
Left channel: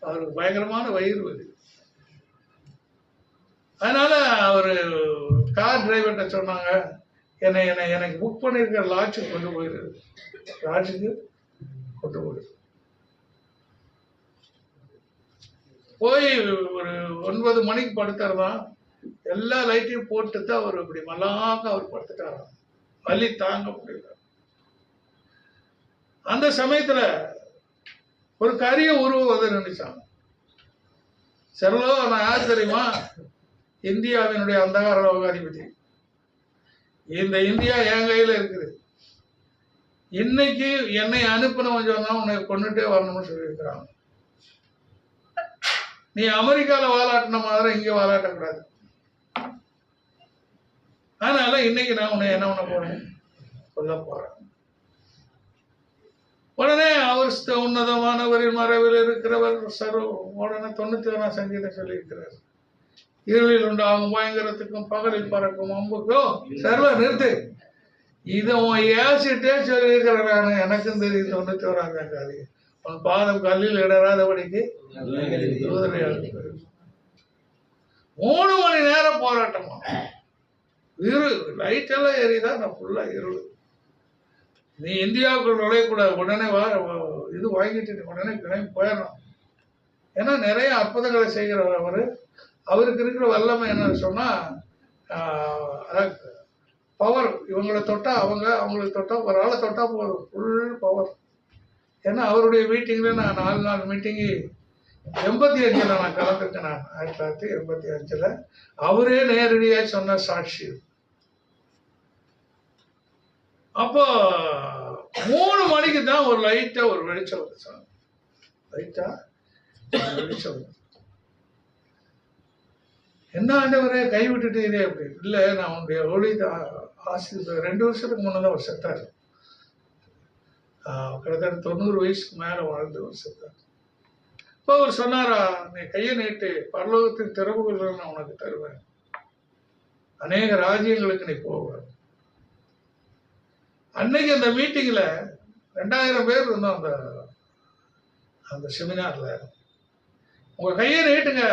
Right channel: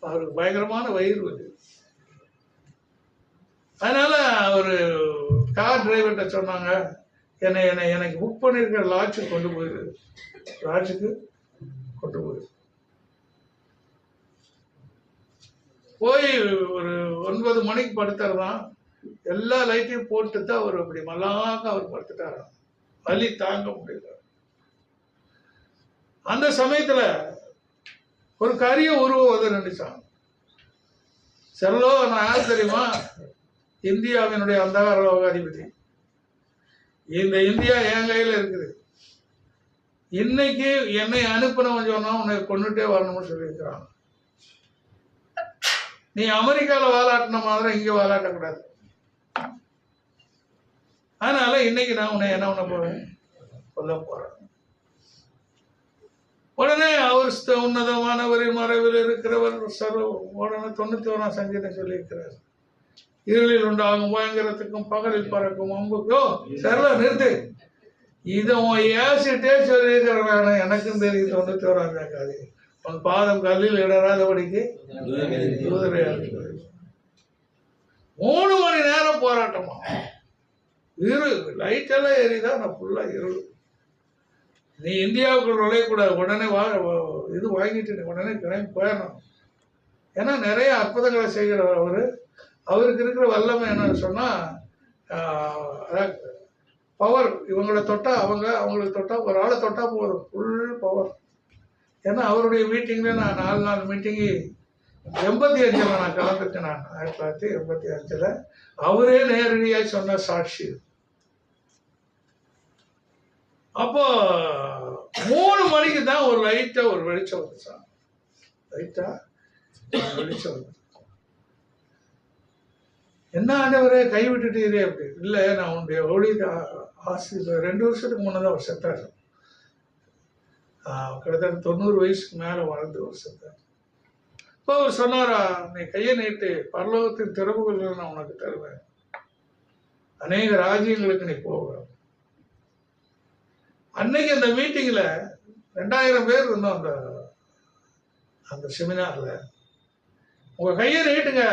அவருக்கு பயங்கரமான வயிறு வலி. அதனால அவர் கார் டிரைவர்கிட்ட சொன்னாங்க, எனக்கு புக் பண்ணியிருக்கிற லாட்ஜுக்கு கொண்டு போயிரு, லாட்ஜுக்கு கொண்டு போயிரு. போய் ஒரு 9 மணிக்கு படுத்துறதான். எல்லா லைட்டையும் போட்டு தான் அவர் இப்படி மல்லாக்க அவர் படுத்துட்டாராம். வலி தாங்க முடியல. அந்த சமயத்துல ஒரு கரிய உருவம் வந்து நினைச்சான். செரலோ, நான் யார் தெரியுமா? இந்தியாவினுடைய அந்தகார லோகாதிபதி. இந்த இந்தியா என் கையில இருக்குது. இன்னைக்கு என்னை அனுப்பினவன் சொன்னா உன்னை கொண்டுட்டே வரணும்னு சொல்லியிருக்கிறாங்க. நீ அமெரிக்கால வாலாட்டின மாதிரி இங்க வாலாட்டக்கூடாது. அதனால இன்னைக்கு நான் உன்னை என்ன பண்ண போறேன், சொல்ல போறேன். உடனே அவர் உன்னதமானவரின் மறைவில் இருக்கிறவர் உடனே 91ஆம் சங்கீதம் சொல்லியிருக்கிறார். இருளில் உண்டாகும் பயங்கரத்துக்கும் பகலில் பறக்கும் அம்புக்கும் சரல நிறுத்து. இதை ஏசிட்டே சொல்லியிருக்கிறாங்க. எனக்கும் தெரியும் 91ஆம் காதி உன் பாதம் கல்லில் இடராதபடிக்கு 3 மணி நேரம் போராட்டமா. லைட் எல்லாம் ஏறிதா, நான் ஃபுல்லா இருள். நீ இந்தியாவுக்குள் நுழையக்கூடாது, உடனே இது வாங்கிட்டு நீ உடனே கிளம்பி போயிடணும். ஏன்னா நிறைய அற்புதங்களை செய்கிறவர் அவருக்கு இருக்கிற வல்லமை என்ன சொன்னா, பவர். இவங்களை தொட்டா அவங்களுக்கு தொட்டா ஒரு ஆளை தொட்டா போதும், ஃபுல் பவர். ஏன்னா அவருடைய மீட்டிங்கில் நான் 4 நாள் மீட்டிங்கு 85 நான் கலந்துட்டேன். நான் 1985 அவரே நேரடியாக சொன்ன சாட்சி. அப்போ 3 மணிக்கு தான் ஒரு லைட்டா ஒரு வெளிச்சம் வந்து சார், லைட்டா வெளிச்சம் வந்து. என்ன ஆண்டவரே கைவிட்டுட்டீரே அப்படி? இல்லை, நான் உன்னுடைய ஒளி ஆசிரியர் 2 வருஷத்துக்கு முன்னதான் அவர் செத்தார். கிட்டத்தட்ட 90 வயசுக்கு மேல வாழ்ந்து ஒரு செத்தார். இப்போ அவர் சொன்னாரா, நீ கையை நீட்டு, பரலோகத்தின் திறவுகள் நான் உனக்கு தருவேன், அநேக ராஜ்யங்களுக்கு நீ போவ. அன்னைக்கு அந்த மீட்டிங்ல 2000 பேர் இருந்தோம். அந்த செமினார்ல, உங்க கையை நீட்டுங்க,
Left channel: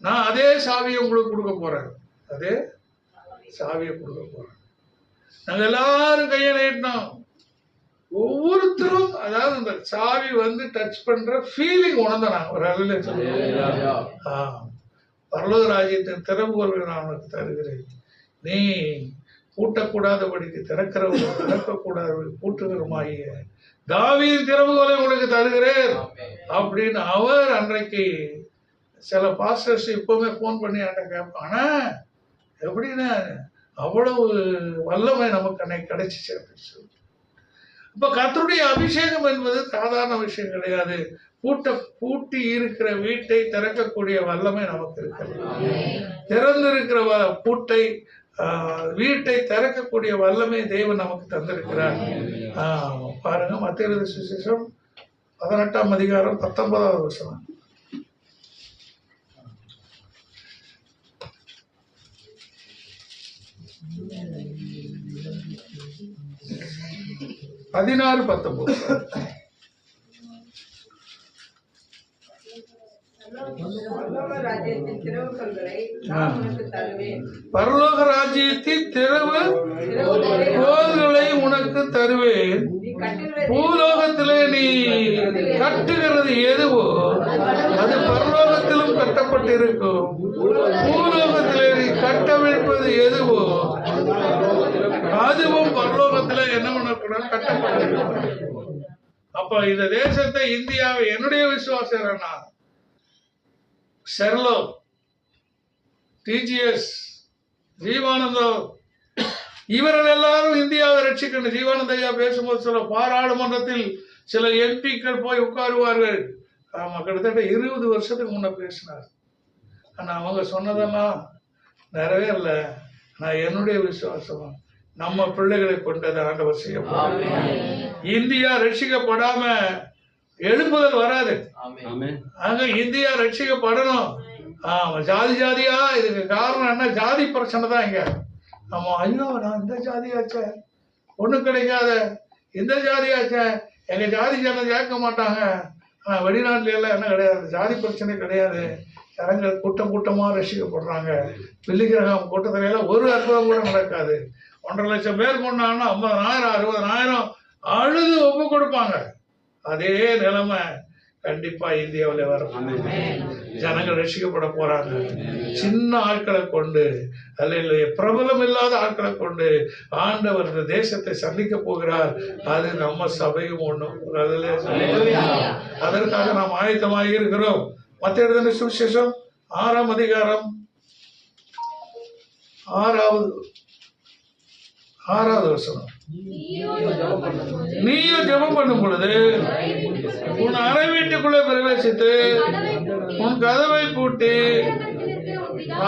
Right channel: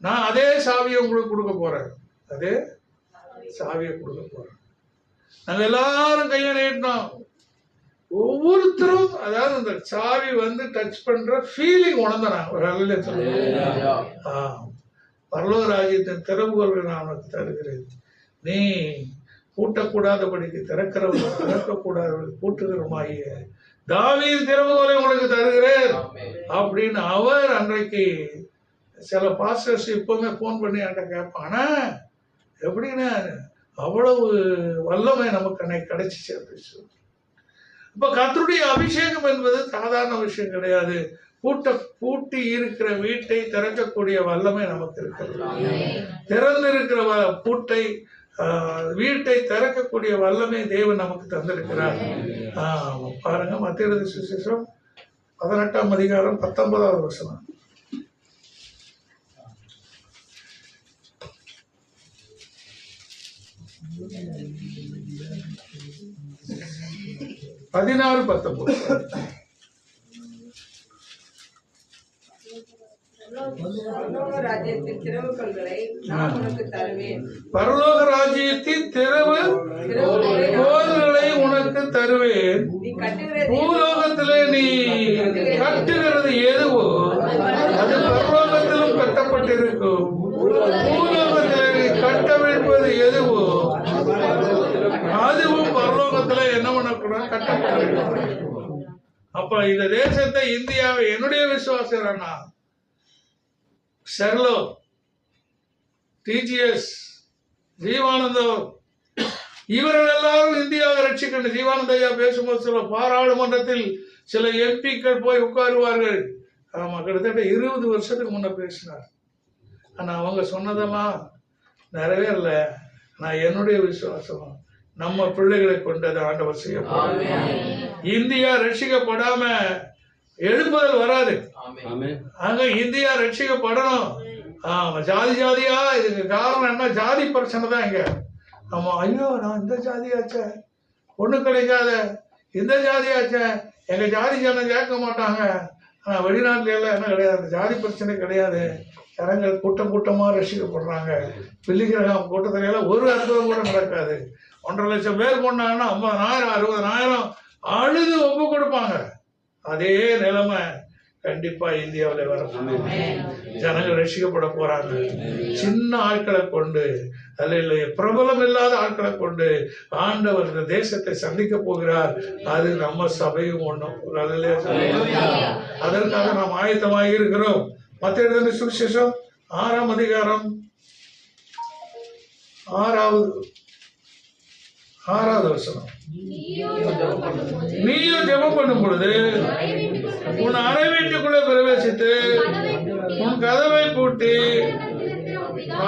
நான் அதே சாவியை உங்களுக்கு கொடுக்க போறேன், அதே சாவியை கொடுக்க போறேன். நாங்க எல்லாரும் கையை நீட்டினோம். ஒவ்வொருத்தரும் அதாவது அந்த சாவி வந்து டச் பண்ற ஃபீலிங் உணர்ந்தான். ஒரு அல்ல பரலோக ராஜ்யத்தின் திறவுகோல்களை நான் உனக்கு தருகிறேன், நீ பூட்டக்கூடாதபடிக்கு திறக்கிறவர்கள் திறக்கக்கூடாதவர்கள் பூட்டுகிறமாகிய தாவீதின் திறவுகோலை உங்களுக்கு தருகிறேன் அப்படின்னு அவர் அன்றைக்கு. சில பாஸ்டர்ஸ் இப்பவுமே போன் பண்ணி என்கிட்ட கேட்பானா, எப்படின்னா அவ்வளவு வல்லமை நமக்கு அன்னைக்கு கிடைச்சிச்சு அப்படின்னு சொல்லி. இப்ப கர்த்தருடைய அபிஷேகம் என்பது சாதாரண விஷயம் கிடையாது. பூட்டி இருக்கிற வீட்டை திறக்கக்கூடிய வல்லமை நமக்கு இருக்கிறது. திறந்திருக்கிற பூட்டை வீட்டை திறக்கக்கூடிய வல்லமை தேவன் நமக்கு தந்திருக்கிறார். பாருங்க, மத்திய எழுதின சுவிசேஷம் 18ஆம் அதிகாரம் 19வது வசனம். 16:19. பரலோக ராஜ்யத்தின் திறவுகோல்களை நான் உனக்கு தருவேன். பரலோக ராஜ்யத்தின் திறவுகோல்களை உனக்கு தருவேன். பூலோகத்திலே நீ கட்டுகிறது எதுவோ அது பரலோகத்திலும் கட்டப்பட்டிருக்கும், பூலோகத்திலே நீ கட்டவிழ்ப்பது எதுவோ அதுவும் பரலோகத்திலே என்ன பண்ணக்கூடாது, கட்டப்பட்டிருக்கும். அப்ப இந்த தேசத்தை, இந்தியாவை, என்னுடைய விசுவாசம் என்னன்னா, செர்லோ, டிஜிஎஸ், ஜீவானந்தோ, இவர்கள் எல்லாரும் இந்தியாவை ரட்சிக்கணும். ஜீவானந்த ஐயா பேசும்போது சில பாராளுமன்றத்தில் சில எம்பிக்கள் போய் உட்காருவார்கள். ஆமா, கிட்டத்தட்ட 20 வருஷத்துக்கு முன்ன பேசினார். ஆனா அவங்க சொன்னதெல்லாம் நிறைவேறல. நான் என்னுடைய விசுவாசம், நம்ம பிள்ளைகளை கொண்டது ஆண்டவர் செய்யப்படும். இந்தியா ரட்சிக்கப்படாம எழுப்புதல் வராது. அங்க இந்தியா ரட்சிக்கப்படணும். ஜாதி ஜாதியா, இதுக்கு காரணம் என்ன? ஜாதி பிரச்சனை தான் இங்க. ஆமா, ஐயோ நான் இந்த ஜாதியாச்சே, ஒண்ணு கிடைக்காத, இந்த ஜாதியாச்சே, எங்க ஜாதி ஜனம் கேட்க மாட்டாங்க. ஆனா வெளிநாட்டுல எல்லாம் என்ன கிடையாது, ஜாதி பிரச்சனை கிடையாது. ஜனங்கள் கூட்டம் கூட்டமா ரசிக்கப்படுறாங்க. பிள்ளைகிரகம் கூட்டத்துல எல்லாம் ஒரு அற்புதம் கூட நடக்காது. 1.5 லட்சம் பேர் கொண்டாங்கன்னா 50,000 60,000 அழுது ஒப்பு கொடுப்பாங்க. அதே நிலைமை கண்டிப்பா இந்தியாவில் வரும். ஜனங்கள் ரசிக்கப்பட போறாங்க. சின்ன ஆட்களை கொண்டு, அல்ல பிரபலம் இல்லாத ஆட்களை கொண்டு ஆண்டவர் இந்த தேசத்தை சந்திக்க போகிறார். அது நம்ம சபையும் ஒண்ணும். அதற்காக நாம் ஆயத்தமாக இருக்கிறோம். மத்திய எழுதின சுவிசேஷம் 6ஆம் அதிகாரம் 6வது வசனம். நீயும் ஜெபம் பண்ணும் பொழுது உன் அறை வீட்டுக்குள்ளே பிரவேசித்து உன் கதவை பூட்டி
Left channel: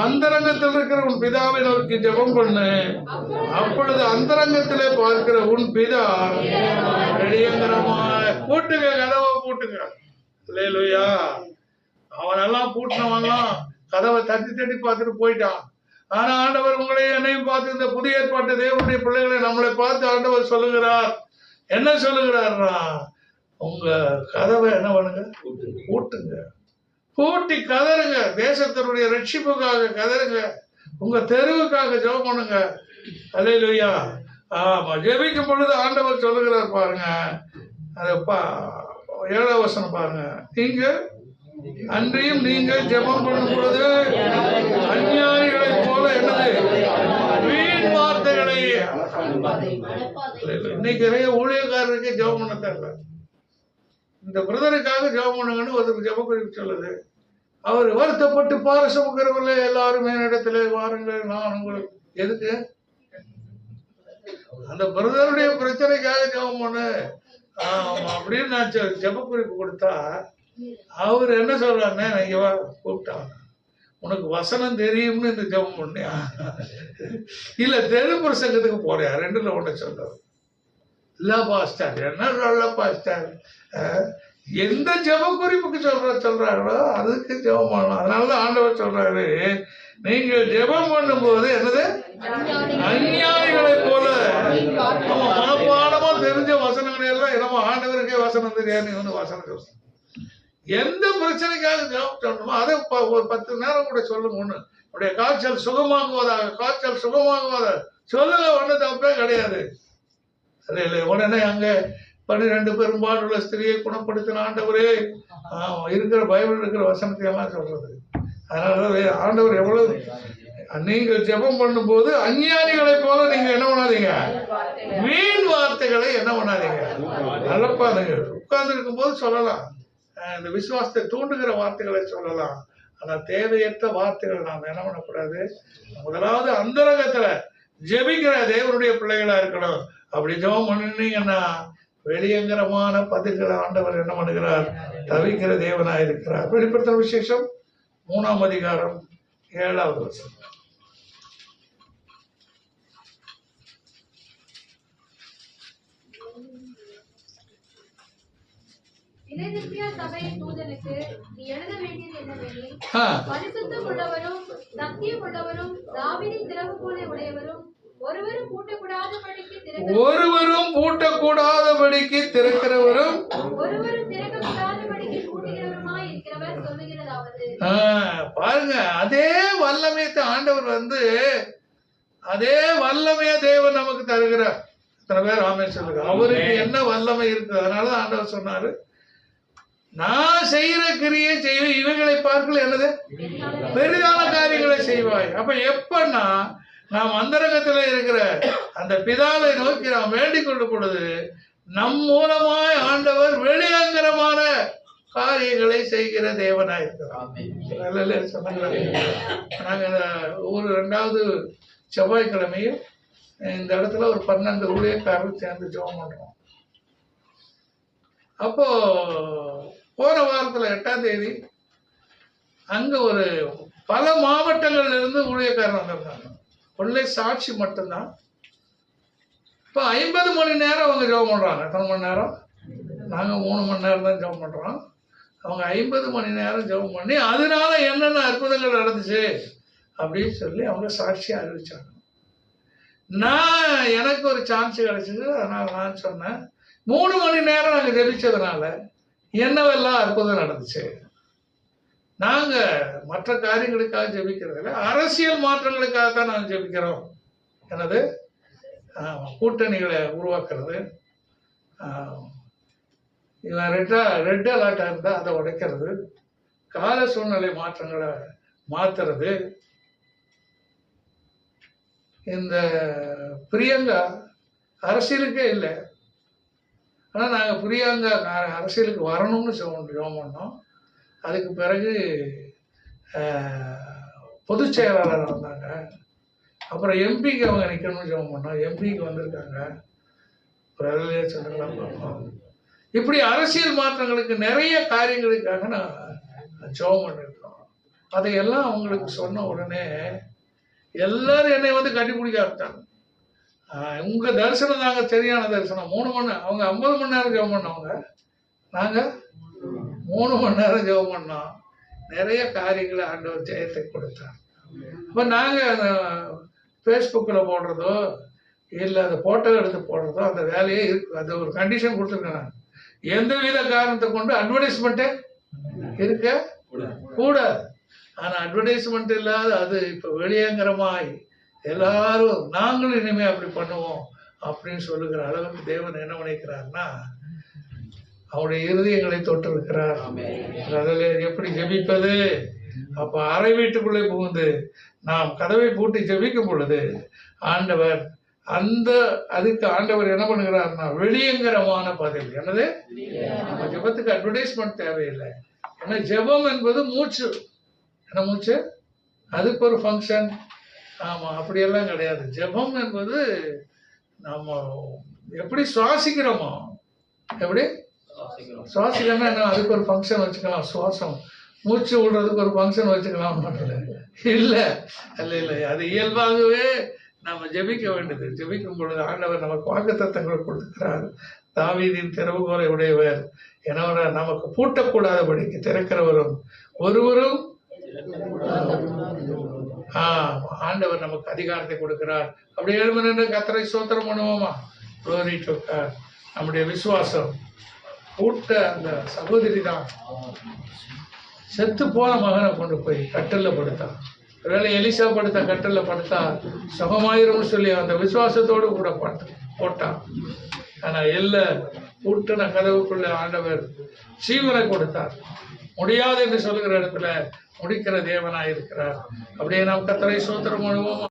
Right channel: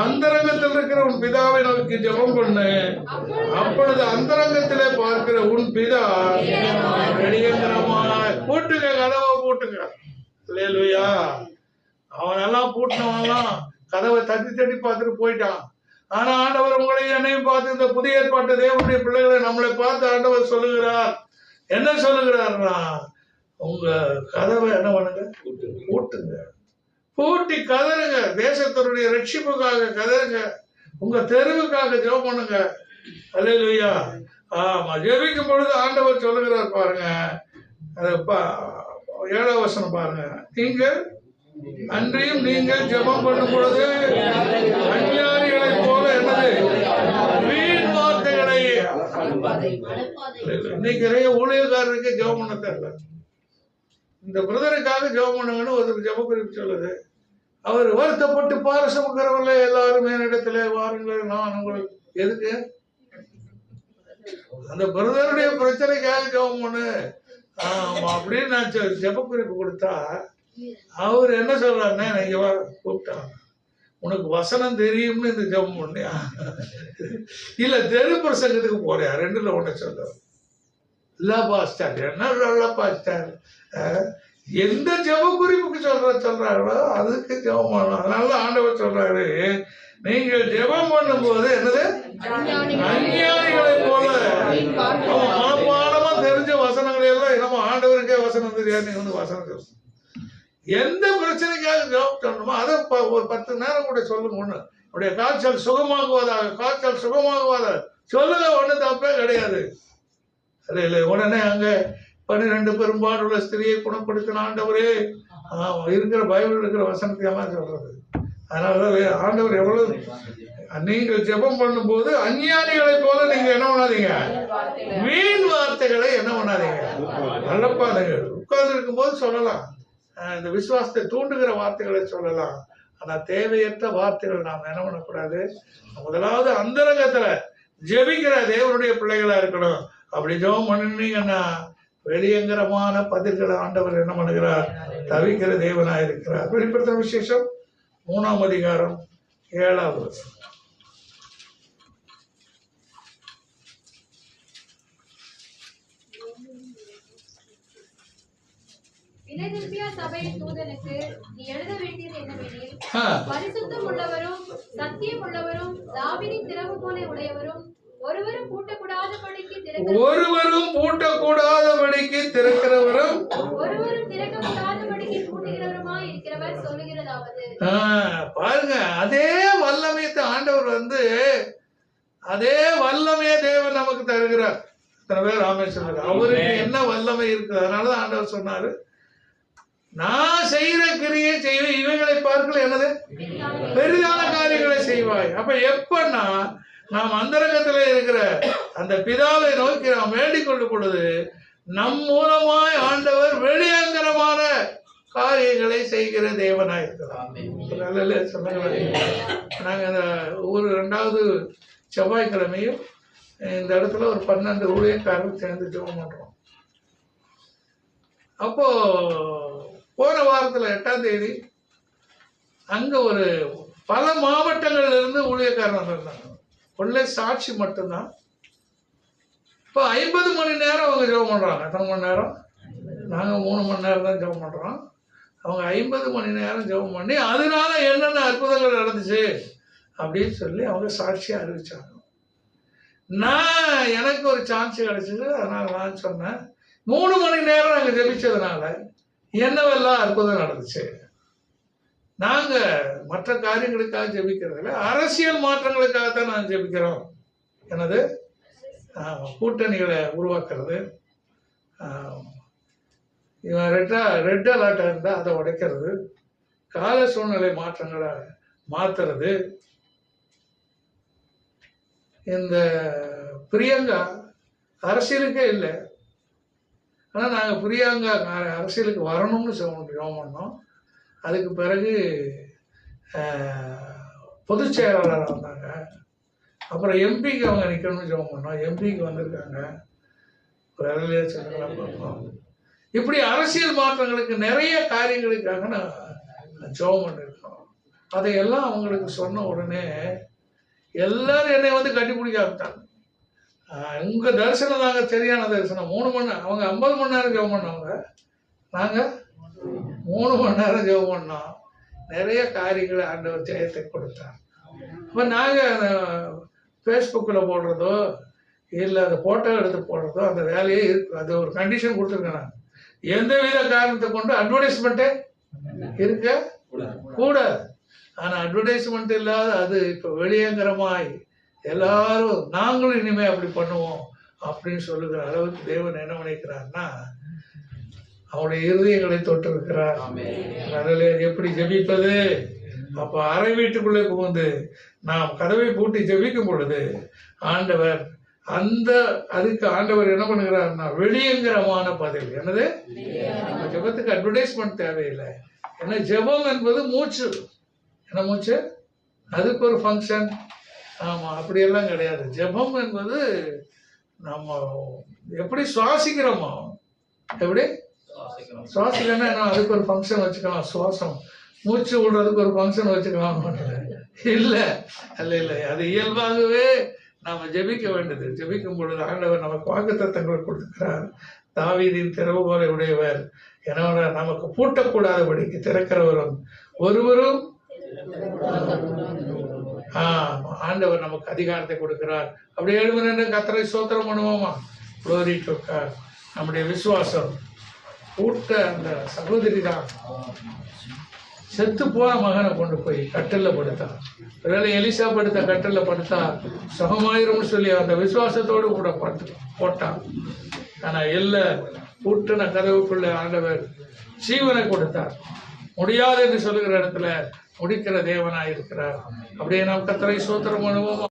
அந்தரங்கத்தில் இருக்கிற உன் பிதாவை நோக்கி ஜெபம் பண்ணு. அப்பொழுது அந்தரங்கத்திலே பார்க்கிற உன் பிதா வெளியங்கரமாய் பூட்டுங்க, கதவை பூட்டுங்க. அல்லேலூயா. அவனெல்லாம் பூட்டினவன்லாம் கதவை தட்டி பார்த்துட்டு போயிட்டான். ஆனா ஆண்டவர் உங்களை என்னையும் பார்த்து, இந்த புதிய ஏற்பாட்டு தேவனுடைய பிள்ளைகளை நம்மளை பார்த்து ஆண்டவர் சொல்லுகிறார். என்ன சொல்லுகிறார்னா, உங்க கதவை என்ன பண்ணுங்க, பூட்டுங்க. பூட்டி கதறுங்க. தேசத்தினுடைய ரட்சிப்புக்காக கதறுங்க. உங்க தெருவுக்காக ஜெபம் பண்ணுங்க. அல்லேலூயா. ஆமா, ஜெபிக்கும் பொழுது ஆண்டவர் சொல்லுகிறார் பாருங்க. அதை 7வது வசனம் பாருங்க. அன்றியும் நீங்கள் ஜெபம் பண்ணும் பொழுது அஞ்ஞானிகளை போல என்னது வீண் வார்த்தைகளை இன்னைக்கு நிறைய ஊழியக்காரருக்கு ஜெபம் பண்ண தெரியல. இந்த பிரதருக்காக ஜெபம் பண்ணுங்கன்னு ஒருத்தர் ஜெப குறிப்பு சொல்லுது. அவர் வருத்தப்பட்டு பாரசமுக்கிறவர்களே எல்லாரும் என்னிடத்துல வாருங்கள், நான் உங்கள் எதுக்கு அந்த பிரதருடைய பிரச்சனைக்காக ஜெபம் பண்ணு அப்படின்னு நான் ஜெப குறிப்பு கொடுத்தா அவர் என்ன சொல்றாருன்னா, நீங்க கூப்பிட்டாங்க உனக்கு வசனம் தெரியும்னு இந்த ஜெபம் பண்ணியா இல்ல தெரு பிரசங்கத்துக்கு போறியா? ரெண்டுல ஒண்ணு சொல்லுவார். இல்ல பாஸ்டர் என்ன நல்ல பாஸ்டர், எந்த ஜெப குறிப்புக்கு சொல்றாங்களோ அதுக்கு ஜெபம் பண்ணணும். அதனால ஆண்டவர் சொல்றாரு, நீங்கள் ஜெபம் பண்ணும் போது என்னது அஞ்ஞானிகளை போல மனப்பாடமா தெரிஞ்ச வசனங்களை எல்லாம் என்னமோ ஆண்டவருக்கே வசனம் தெரியாது, நீ வந்து வசனம் சொல்ல. எந்த பிரச்சனைக்காக ஜெபம் சொல்லணுமோ அதை ஒரு 10 நேரம் கூட சொல்லுங்க. ஒண்ணு அப்படியே காய்ச்சல் சுகமாகுவதாக, காய்ச்சல் சுகமாகுவதாக சொல்லுங்க, ஒண்ணு தப்பே கிடையாது. இல்லை உடனே அங்க 12 பெரும்பாடுள்ள ஸ்திரியை குணப்படுத்தின ஆண்டவரே இருக்கிற பைபிள் இருக்கிற வசனத்தை எல்லாம் சொல்றது. அதனால ஆண்டவர் எவ்வளவு நீங்கள் ஜெபம் பண்ணும் போது அஞ்ஞானிகளை போல நீங்க என்ன பண்ணாதீங்க, வீண் வார்த்தைகளை என்ன பண்ணாதீங்க. நல்லப்பா நீங்க உட்கார்ந்து இருக்கும் போது சொல்லலாம், இந்த விசுவாசத்தை தூண்டுகிற வார்த்தைகளை சொல்லலாம். ஆனா தேவையற்ற வார்த்தைகள் நாம் என்ன பண்ணக்கூடாது. முதலாவது அந்தரங்கத்துல ஜெபிக்கிற தேவனுடைய பிள்ளைகளா இருக்கணும். அப்படி ஜெபம் பண்ணினீங்கன்னா வெளியங்கரமான பதில்களை ஆண்டவர் என்ன பண்ணுகிறார், தவிக்கிற தேவனா இருக்கிறார். வெளிப்படுத்த விசேஷம் 3ஆம் அதிகாரம் 7வது வசனம். பிலதெல்பியா சபையின் தூதனுக்கு நீ எழுத வேண்டியது என்னவெனில், பரிசுத்தம் உள்ளவரும் சத்தியம் உள்ளவரும் தாவீதின் திறவுகோலை உடையவரும் ஒருவரும் பூட்டக்கூடாதபடிக்கு திறக்கிறவரும் ஒருவரும் திறக்கக்கூடாதபடிக்கு பூட்டுகிறவருமாய் இருக்கிறவர் சொல்லுகிறதாவது. பாருங்க, அதே வல்லமையத்தை ஆண்டவர் வந்து அதே வல்லமைய தேவன் நமக்கு தருகிறார். இத்தனை பேர் ஆமே சொல்லுங்க, அவருக்கு என்ன வல்லமை இருக்கு. அதனால ஆண்டவர் சொன்னாரு, நான் செய்யற கிரியை செய்வேன், இவைகளை பார்க்கல என்னது பெரிதான காரியங்களை செய்வாய். அப்ப எப்பன்னா நாம் அந்தரங்கத்துல இருக்கிற அந்த பிதாவை நோக்கி நாம் வேண்டிக் கொள்ளும் பொழுது நம் மூலமாய் ஆண்டவர் வெளியங்கரமான காரியங்களை செய்கிற தேவனாய் இருக்கிறார். நாங்க ஒரு 2வது செவ்வாய்க்கிழமையும் இந்த இடத்துல ஒரு 12 ஊழியக்காரர்கள் சேர்ந்து ஜெபம் பண்றோம். அப்போ போன வாரத்துல 8ஆம் தேதி அங்க ஒரு பல மாவட்டங்கள்ல இருந்து ஊழியக்காரர் வந்திருந்தாங்க. ஒரே சாட்சி மட்டும்தான். இப்போ 50 மணி நேரம் அவங்க ஜெபம் பண்றாங்க. எத்தனை மணி நேரம்? நாங்க 3 மணி நேரம் தான் ஜெபம் பண்றோம். அவங்க 50 மணி நேரம் ஜெபம் பண்ணி அதனால என்னென்ன அற்புதங்கள் நடந்துச்சு அப்படின்னு சொல்லி அவங்க சாட்சியா அறிவிச்சாங்க. எனக்கு ஒரு சான்ஸ் கிடைச்சது. அதனால நான் சொன்னேன், 3 மணி நேரம் நாங்க ஜெபிச்சதுனால என்னவெல்லாம் அற்புதம் நடந்துச்சு. நாங்க மற்ற காரியங்களுக்காக ஜெபிக்கிறதில்ல, அரசியல் மாற்றங்களுக்காக தான் நாங்கள் ஜெபிக்கிறோம். என்னது கூட்டணிகளை உருவாக்குறது, இவன் ரெட் அலர்ட்டாக இருந்தால் அதை உடைக்கிறது, கால சூழ்நிலை மாற்றங்களை மாத்துறது. இந்த பிரியங்கா அரசியலுக்கே இல்லை, ஆனால் நாங்கள் பிரியங்கா அரசியலுக்கு வரணும்னு ஜெபம் பண்ணோம். அதுக்கு பிறகு பொதுச் செயலாளர் வந்தாங்க. அப்புறம் எம்பிக்கு அவங்க நிற்கணும்னு ஜெபம் பண்ணோம். எம்பிக்கு வந்திருக்காங்க. ஒரு அதிலே சொல்லலாம் பார்ப்போம். இப்படி அரசியல் மாற்றங்களுக்கு நிறைய காரியங்களுக்காக நான் ஜெபம் பண்ணியிருக்கோம். அதையெல்லாம் அவங்களுக்கு சொன்ன உடனே எல்லாரும் என்னை வந்து கட்டிப்பிடிக்க ஆரம்பித்தாங்க. உங்க தரிசனம் தாங்க சரியான தரிசனம். 3 மணி நேரம், அவங்க 50 மணி நேரம் ஜெபம் பண்ணவங்க, நாங்கள் 3 மணி நேரம் ஜெபம் பண்ணோம். நிறைய காரியங்களை ஆண்டவர் ஜெயத்தை கொடுத்தார். இப்போ நாங்கள் அந்த ஃபேஸ்புக்கில் போடுறதோ இல்லை அந்த ஃபோட்டோ எடுத்து போடுறதோ அந்த வேலையே இருக்கு. அது ஒரு கண்டிஷன் கொடுத்துருக்கேன் நான். எந்தவித காரணத்தை கொண்டு அட்வர்டைஸ்மெண்ட்டே இருக்க கூடாது. ஆனால் அட்வர்டைஸ்மெண்ட் இல்லாத அது இப்போ வெளியங்கரமாய் எல்லாரும் நாங்களும் இனிமேல் அப்படி பண்ணுவோம் அப்படின்னு சொல்லுகிற அளவுக்கு தேவன் என்ன நினைக்கிறார்னா, அவருடைய இருதயங்களை தொட்டு இருக்கிறார். அதில் எப்படி ஜெபிப்பது? அப்போ அறை வீட்டுக்குள்ளே புகுந்து நாம் கதவை பூட்டி ஜெபிக்கும் பொழுது ஆண்டவர் அதுக்கு ஆண்டவர் என்ன பண்ணுகிறாருன்னா வெளியங்கரமான பதில். என்னது? நம்ம ஜெபத்துக்கு அட்வர்டைஸ்மெண்ட் தேவையில்லை. ஏன்னா ஜெபம் என்பது மூச்சு. என்ன மூச்சு? அதுக்கு ஒரு ஃபங்க்ஷன். ஆமாம், அப்படியெல்லாம் கிடையாது. ஜெபம் என்பது நம்ம எப்படி சுவாசிக்கிறோமோ, எப்படி சுவாசிக்கணும்னா என்ன, அதுக்கு ஒரு ஃபங்க்ஷன் வச்சுக்கலாம். சுவாசம் மூச்சு விடுறதுக்கு ஒரு ஃபங்க்ஷன் வச்சுக்கலாம். இல்லை இல்லை இல்லை, அது இயல்பாகவே நாம் ஜெபிக்க வேண்டியது. ஜெபிக்கும் பொழுது ஆண்டவர் நமக்கு வாக்குத்தத்தங்களை கொடுக்கிறார். தாவீதின் திறவுகோலை உடையவர், என்னோட நமக்கு பூட்டக்கூடாதபடிக்கு திறக்கிறவரும் ஒருவரும். ஆண்டவர் நமக்கு அதிகாரத்தை கொடுக்கிறார். அப்படி எழுமன கர்த்தரை ஸ்தோத்திரம் பண்ணுவோமா? Glory to God. நம்முடைய விசுவாசம் பூட்ட அந்த சகோதரி தான் செத்து போன மகனை கொண்டு போய் கட்டல்ல படுத்தான். ஒருவேளை எலிசா படுத்த கட்டல்ல படுத்தா சுகமாயிரும்னு சொல்லி அந்த விசுவாசத்தோடு கூட போட்டான். ஆனா இல்லை, பூட்டின கதவுக்குள்ள ஆண்டவர் ஜீவனை கொடுத்தார். முடியாது என்று சொல்லுகிற இடத்துல முடிக்கிற தேவனாய் இருக்கிறார். அப்படியே நாம் கர்த்தரை ஸ்தோத்திரம் பண்ணுவோம்.